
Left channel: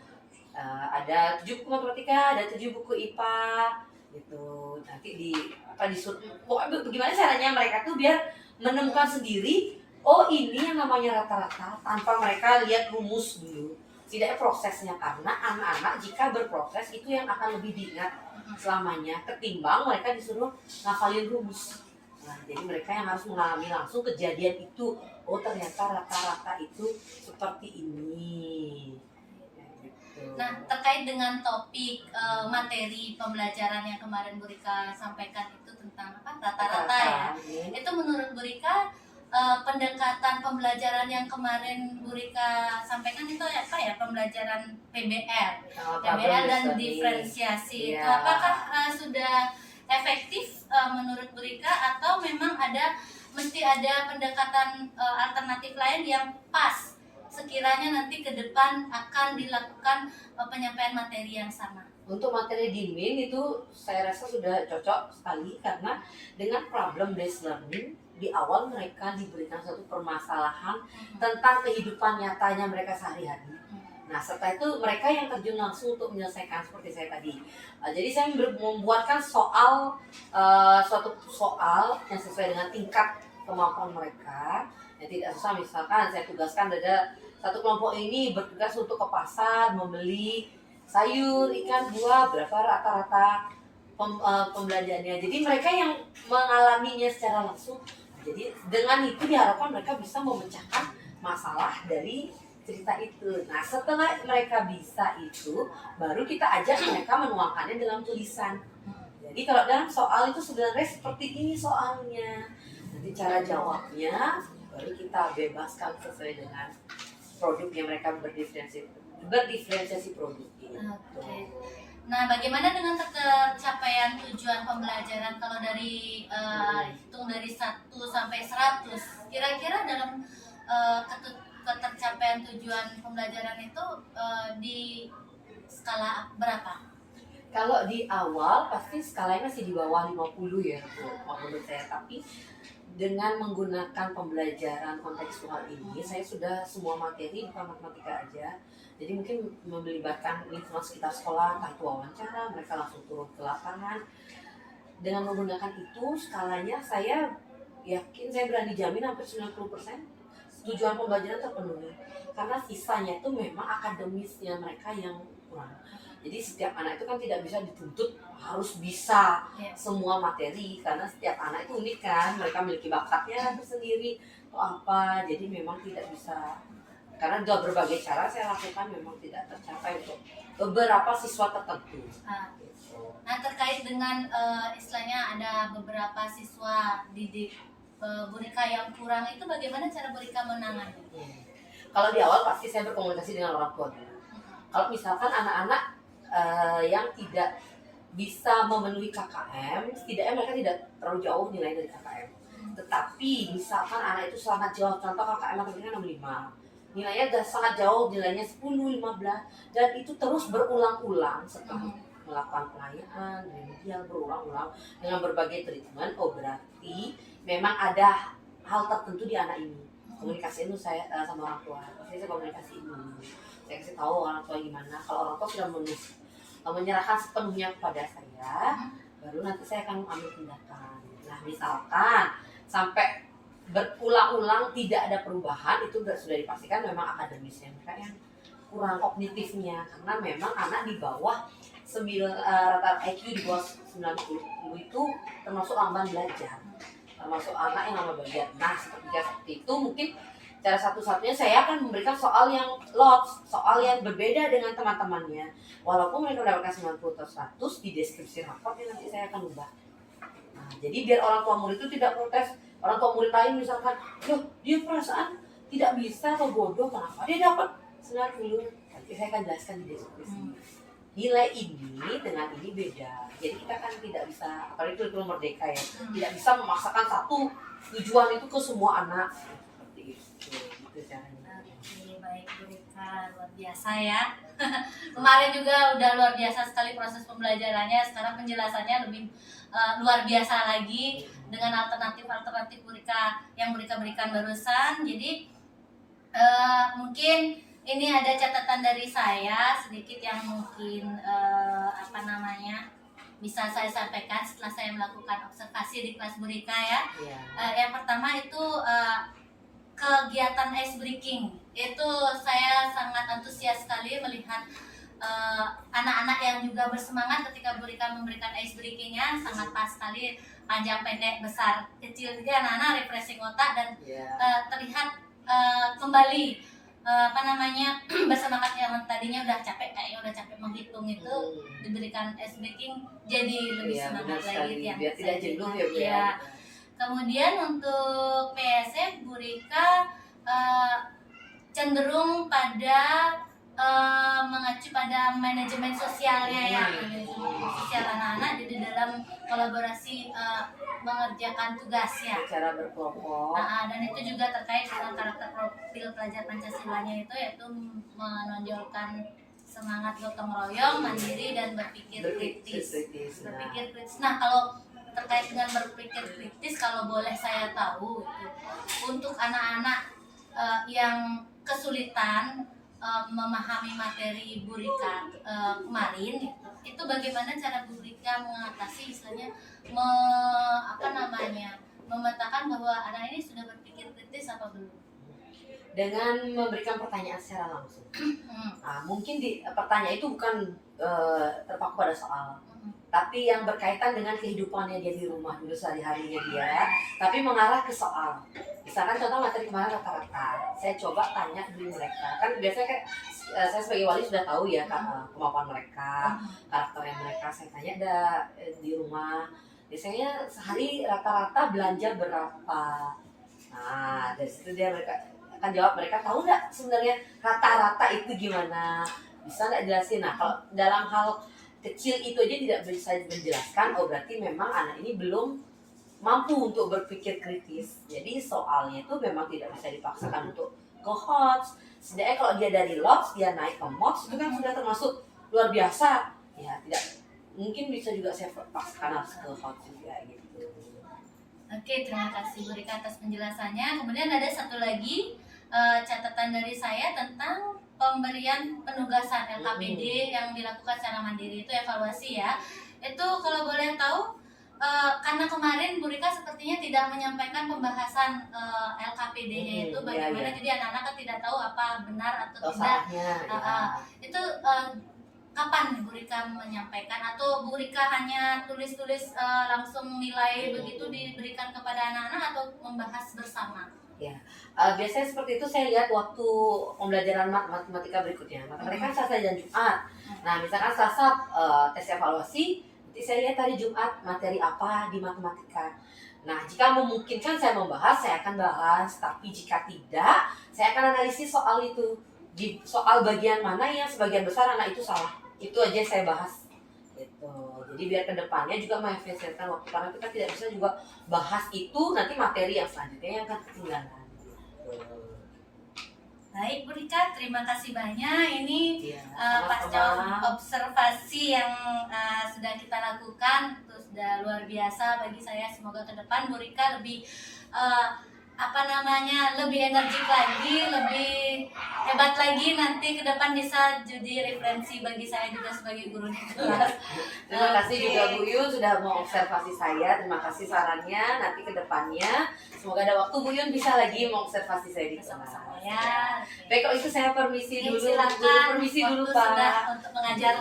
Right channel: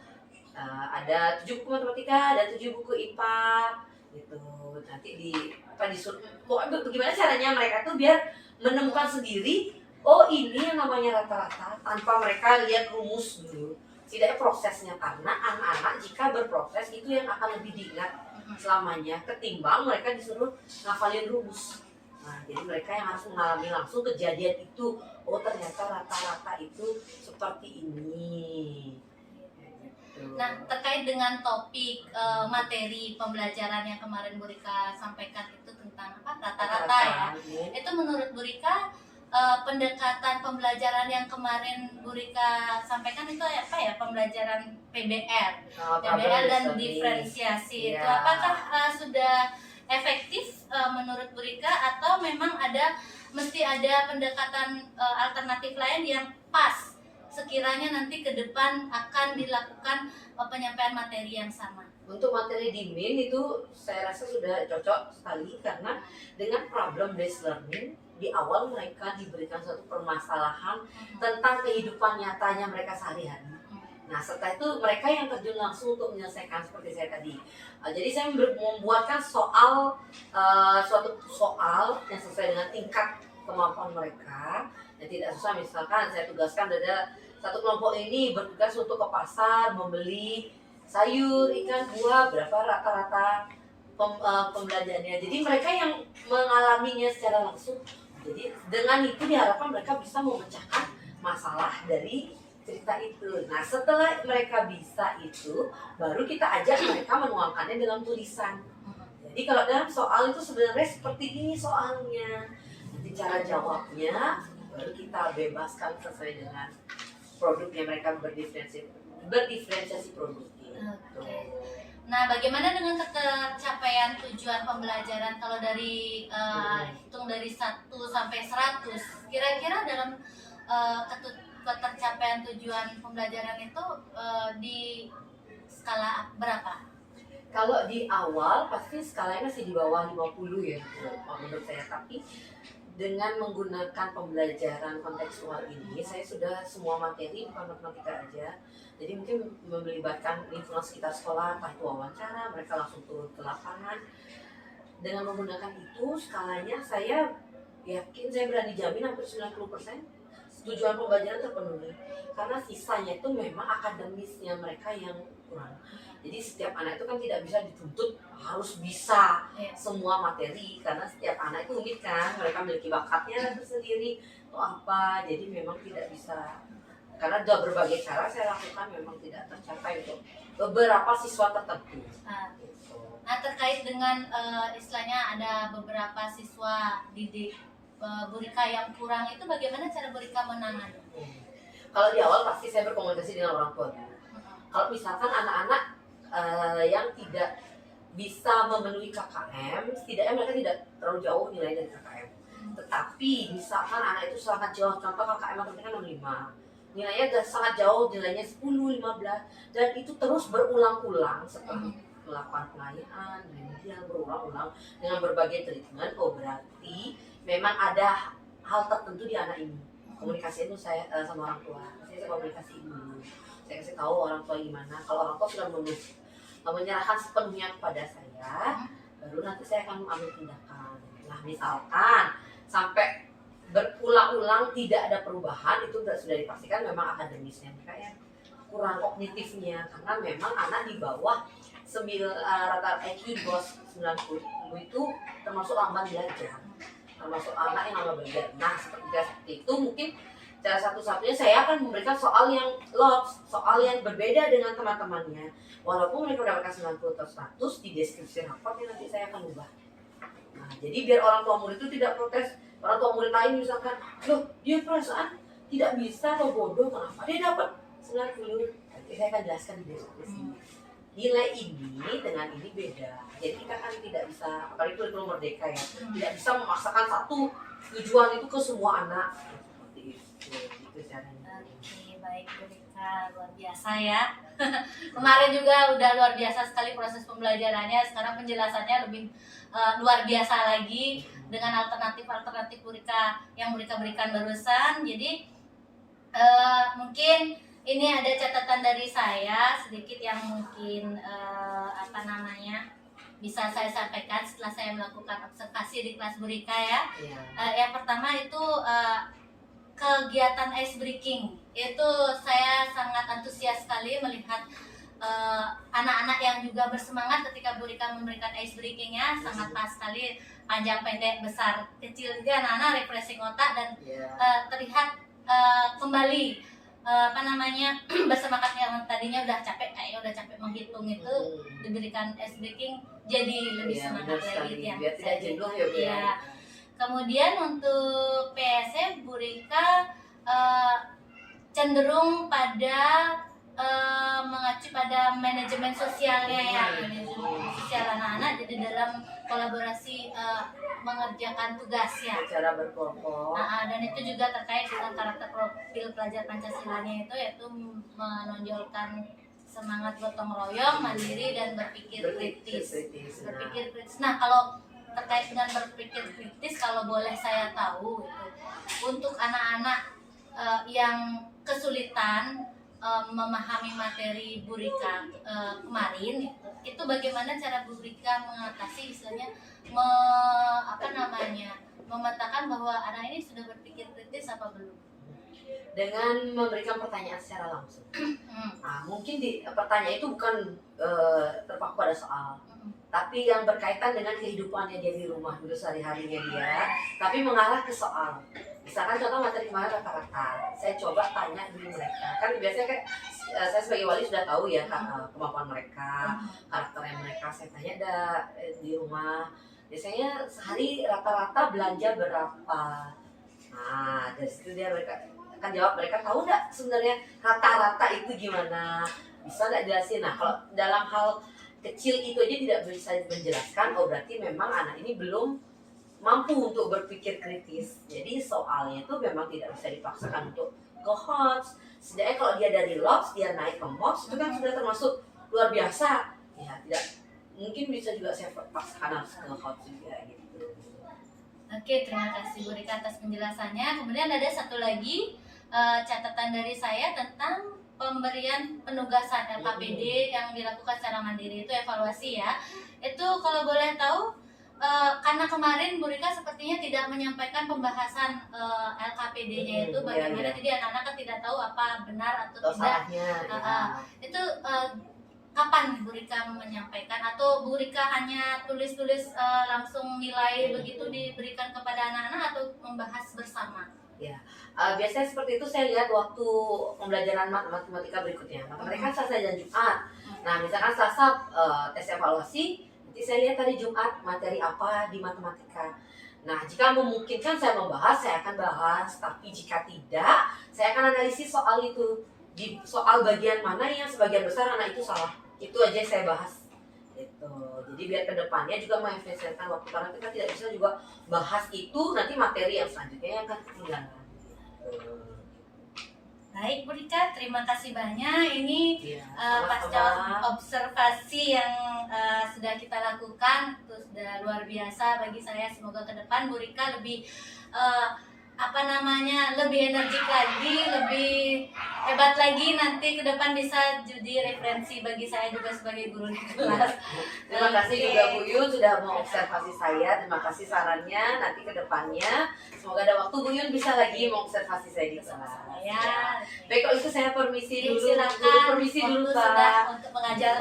ada 7 buku matematika, ada 7 buku IPA gitu. Nanti disuruh bagaimana caranya mereka tuh biar menemukan sendiri, oh ini yang namanya rata-rata, tanpa mereka lihat rumus dulu. Setidaknya prosesnya, karena anak-anak jika berproses itu yang akan lebih diingat selamanya ketimbang mereka disuruh ngafalin rumus. Nah, jadi mereka yang harus mengalami langsung kejadian itu. Oh ternyata rata-rata itu seperti ini. Nah, terkait dengan topik materi pembelajaran yang kemarin Bu Rika sampaikan itu tentang apa? Rata-rata ya. Itu menurut Bu Rika pendekatan pembelajaran yang kemarin Bu Rika sampaikan itu apa ya? Pembelajaran PBL. PBL dan diferensiasi. Iya. Itu apakah sudah efektif menurut Bu Rika, atau memang mesti ada pendekatan alternatif lain yang pas sekiranya nanti ke depan akan dilakukan penyampaian materi yang sama? Untuk materi di MIN itu saya rasa sudah cocok sekali, karena dengan problem based learning di awal mereka diberikan suatu permasalahan tentang kehidupan nyatanya mereka sehari-hari. Nah setelah itu mereka yang terjun langsung untuk menyelesaikan seperti saya tadi. Jadi saya membuatkan suatu soal yang sesuai dengan tingkat kemampuan mereka. Yang tidak susah, misalkan saya tugaskan ada satu kelompok ini bertugas untuk ke pasar membeli sayur, ikan, buah, berapa rata-rata pembelanjaannya. Jadi mereka yang mengalaminya secara langsung. Jadi dengan itu diharapkan mereka bisa memecahkan masalah dari cerita itu. Nah setelah mereka bisa itu, baru kita ajak mereka menuangkannya dalam tulisan. Jadi kalau dalam soal itu sebenarnya seperti ini soalnya. Nanti cara jawabnya baru kita bebaskan sesuai dengan produk yang mereka berdifferensiasi produk. Oke. Nah, bagaimana dengan tercapaian tujuan pembelajaran kalau dari hitung dari 1 sampai 100? Kira-kira dalam ketercapaian tujuan pembelajaran itu di skala berapa? Kalau di awal pasti skalanya masih di bawah 50 ya menurut saya, tapi dengan menggunakan pembelajaran kontekstual ini saya sudah semua materi, bukan matematika aja. Jadi mungkin melibatkan lingkungan sekitar sekolah, entah itu wawancara, mereka langsung turun ke lapangan. Dengan menggunakan itu skalanya saya yakin, saya berani jamin hampir 90% tujuan pembelajaran terpenuhi. Karena sisanya itu memang akademisnya mereka yang kurang. Jadi setiap anak itu kan tidak bisa dituntut harus bisa semua materi, karena setiap anak itu unik kan, mereka memiliki bakatnya tersendiri atau apa. Jadi memang tidak bisa, karena dengan berbagai cara saya lakukan memang tidak tercapai untuk beberapa siswa tertentu. Nah terkait dengan istilahnya ada beberapa siswa didik Bu Rika yang kurang, itu bagaimana cara Bu Rika menangani? Kalau di awal pasti saya berkomunikasi dengan orang tua. Kalau misalkan anak-anak yang tidak bisa memenuhi KKM, setidaknya mereka tidak terlalu jauh nilai dari KKM. Tetapi misalkan anak itu sangat jauh, contoh KKM matematika 65, nilainya sangat jauh, nilainya 10, 15, dan itu terus berulang-ulang setelah melakukan pengayaan, remedial berulang-ulang dengan berbagai treatment. Oh berarti memang ada hal tertentu di anak ini. Komunikasi itu saya sama orang tua, saya komunikasi dulu. Saya kasih tahu orang tua gimana. Kalau orang tua sudah menyerahkan sepenuhnya kepada saya, baru nanti saya akan ambil tindakan. Nah misalkan sampai berulang-ulang tidak ada perubahan, itu sudah dipastikan memang akademisnya mereka yang kurang, kognitifnya, karena memang anak di bawah rata IQ di bawah 90 itu termasuk lamban belajar, termasuk anak yang lamban belajar. Nah seperti itu mungkin cara satu-satunya saya akan memberikan soal yang lots, soal yang berbeda dengan teman-temannya. Walaupun mereka mendapatkan 90 atau 100, di deskripsi raportnya nanti saya akan ubah. Nah Nah, jadi biar orang tua murid itu tidak protes. Orang tua murid lain misalkan, loh dia perasaan tidak bisa atau bodoh, kenapa dia dapat 90? Nanti saya akan jelaskan di deskripsi. Nilai ini dengan ini beda. Jadi kita kan tidak bisa, apalagi kurikulum merdeka ya, tidak bisa memaksakan satu tujuan itu ke semua anak. Seperti itu, gitu caranya. Oke, baik Bu Rika, luar biasa ya. Kemarin juga udah luar biasa sekali proses pembelajarannya. Sekarang penjelasannya lebih luar biasa lagi dengan alternatif Bu Rika yang Bu Rika berikan barusan. Jadi mungkin ini ada catatan dari saya sedikit yang mungkin bisa saya sampaikan setelah saya melakukan observasi di kelas Bu Rika ya. Iya. Yang pertama itu kegiatan ice breaking. Itu saya sangat antusias sekali melihat anak-anak yang juga bersemangat ketika Bu Rika memberikan ice breakingnya. Sangat pas sekali, panjang pendek besar kecil juga anak-anak refreshing otak dan terlihat kembali bersemangat yang tadinya udah capek, kayaknya udah capek menghitung itu, diberikan ice breaking jadi lebih semangat lagi yang biar tidak jenuh ya Bu ya. Kemudian untuk PSF Bu Rika cenderung pada mengacu pada manajemen sosialnya ya, manajemen sosial anak-anak, jadi dalam kolaborasi mengerjakan tugas ya. Cara berkelompok. Dan itu juga terkait dengan karakter profil pelajar Pancasilanya itu, yaitu menonjolkan semangat gotong royong, mandiri dan berpikir kritis. Berpikir kritis. Nah, kalau terkait dengan berpikir kritis, kalau boleh saya tahu itu untuk anak-anak yang kesulitan memahami materi Bu Rika kemarin itu bagaimana cara Bu Rika mengatasi istilahnya memetakan bahwa anak ini sudah berpikir kritis apa belum? Dengan memberikan pertanyaan secara langsung. Nah, mungkin pertanyaan itu bukan terpaku pada soal, tapi yang berkaitan dengan kehidupannya dia di rumah dulu, sehari-harinya dia, tapi mengarah ke soal. Misalkan contoh materi kemarin rata-rata, saya coba tanya dulu mereka. Kan biasanya kan saya sebagai wali sudah tahu ya kemampuan mereka, karakternya mereka. Saya tanya di rumah, biasanya sehari rata-rata belanja berapa? Nah, dari situ mereka akan jawab. Mereka tahu nggak sebenarnya rata-rata itu gimana? Bisa nggak jelasin? Nah, kalau dalam hal kecil itu aja tidak bisa menjelaskan, oh berarti memang anak ini belum mampu untuk berpikir kritis. Jadi soalnya itu memang tidak bisa dipaksakan untuk ke HOTS. Setidaknya kalau dia dari LOTS, dia naik ke MOTS, itu kan sudah termasuk luar biasa. Ya, tidak mungkin bisa juga saya paksakan harus ke HOTS juga gitu. Oke, terima kasih Bu Rika atas penjelasannya. Kemudian ada satu lagi catatan dari saya tentang pemberian penugasan LKPD yang dilakukan secara mandiri, itu evaluasi ya. Itu kalau boleh tahu, karena kemarin Bu Rika sepertinya tidak menyampaikan pembahasan LKPD-nya itu bagaimana, jadi anak-anak kan tidak tahu apa benar atau tidak. Itu kapan Bu Rika menyampaikan, atau Bu Rika hanya tulis-tulis langsung nilai begitu diberikan kepada anak-anak atau membahas bersama? Ya, biasanya seperti itu saya lihat waktu pembelajaran matematika berikutnya. Matematika Selasa dan Jumat. Nah, misalkan Selasa tes evaluasi, nanti saya lihat hari Jumat materi apa di matematika. Nah, jika memungkinkan saya membahas, saya akan bahas. Tapi jika tidak, saya akan analisis soal itu. Di soal bagian mana yang sebagian besar anak itu salah. Itu aja yang saya bahas. Gitu. Jadi biar kedepannya juga mengefisienkan waktu, karena kita tidak bisa juga bahas itu nanti materi yang selanjutnya yang akan ketinggalan. Gitu. Baik Bu Rika, terima kasih banyak. Ini pasca observasi yang sudah kita lakukan itu sudah luar biasa bagi saya. Semoga ke depan Bu Rika lebih lebih energik lagi, lebih hebat lagi, nanti ke depan bisa jadi referensi bagi saya juga sebagai guru di kelas. Terima kasih juga Bu Yun sudah mau observasi saya. Terima kasih sarannya. Nanti ke depannya semoga ada waktu Bu Yun bisa lagi mengobservasi saya di kelas. Ya. Baik, kalau itu saya permisi dulu. Silakan. Permisi dulu Waktu Pak. sudah untuk mengajar.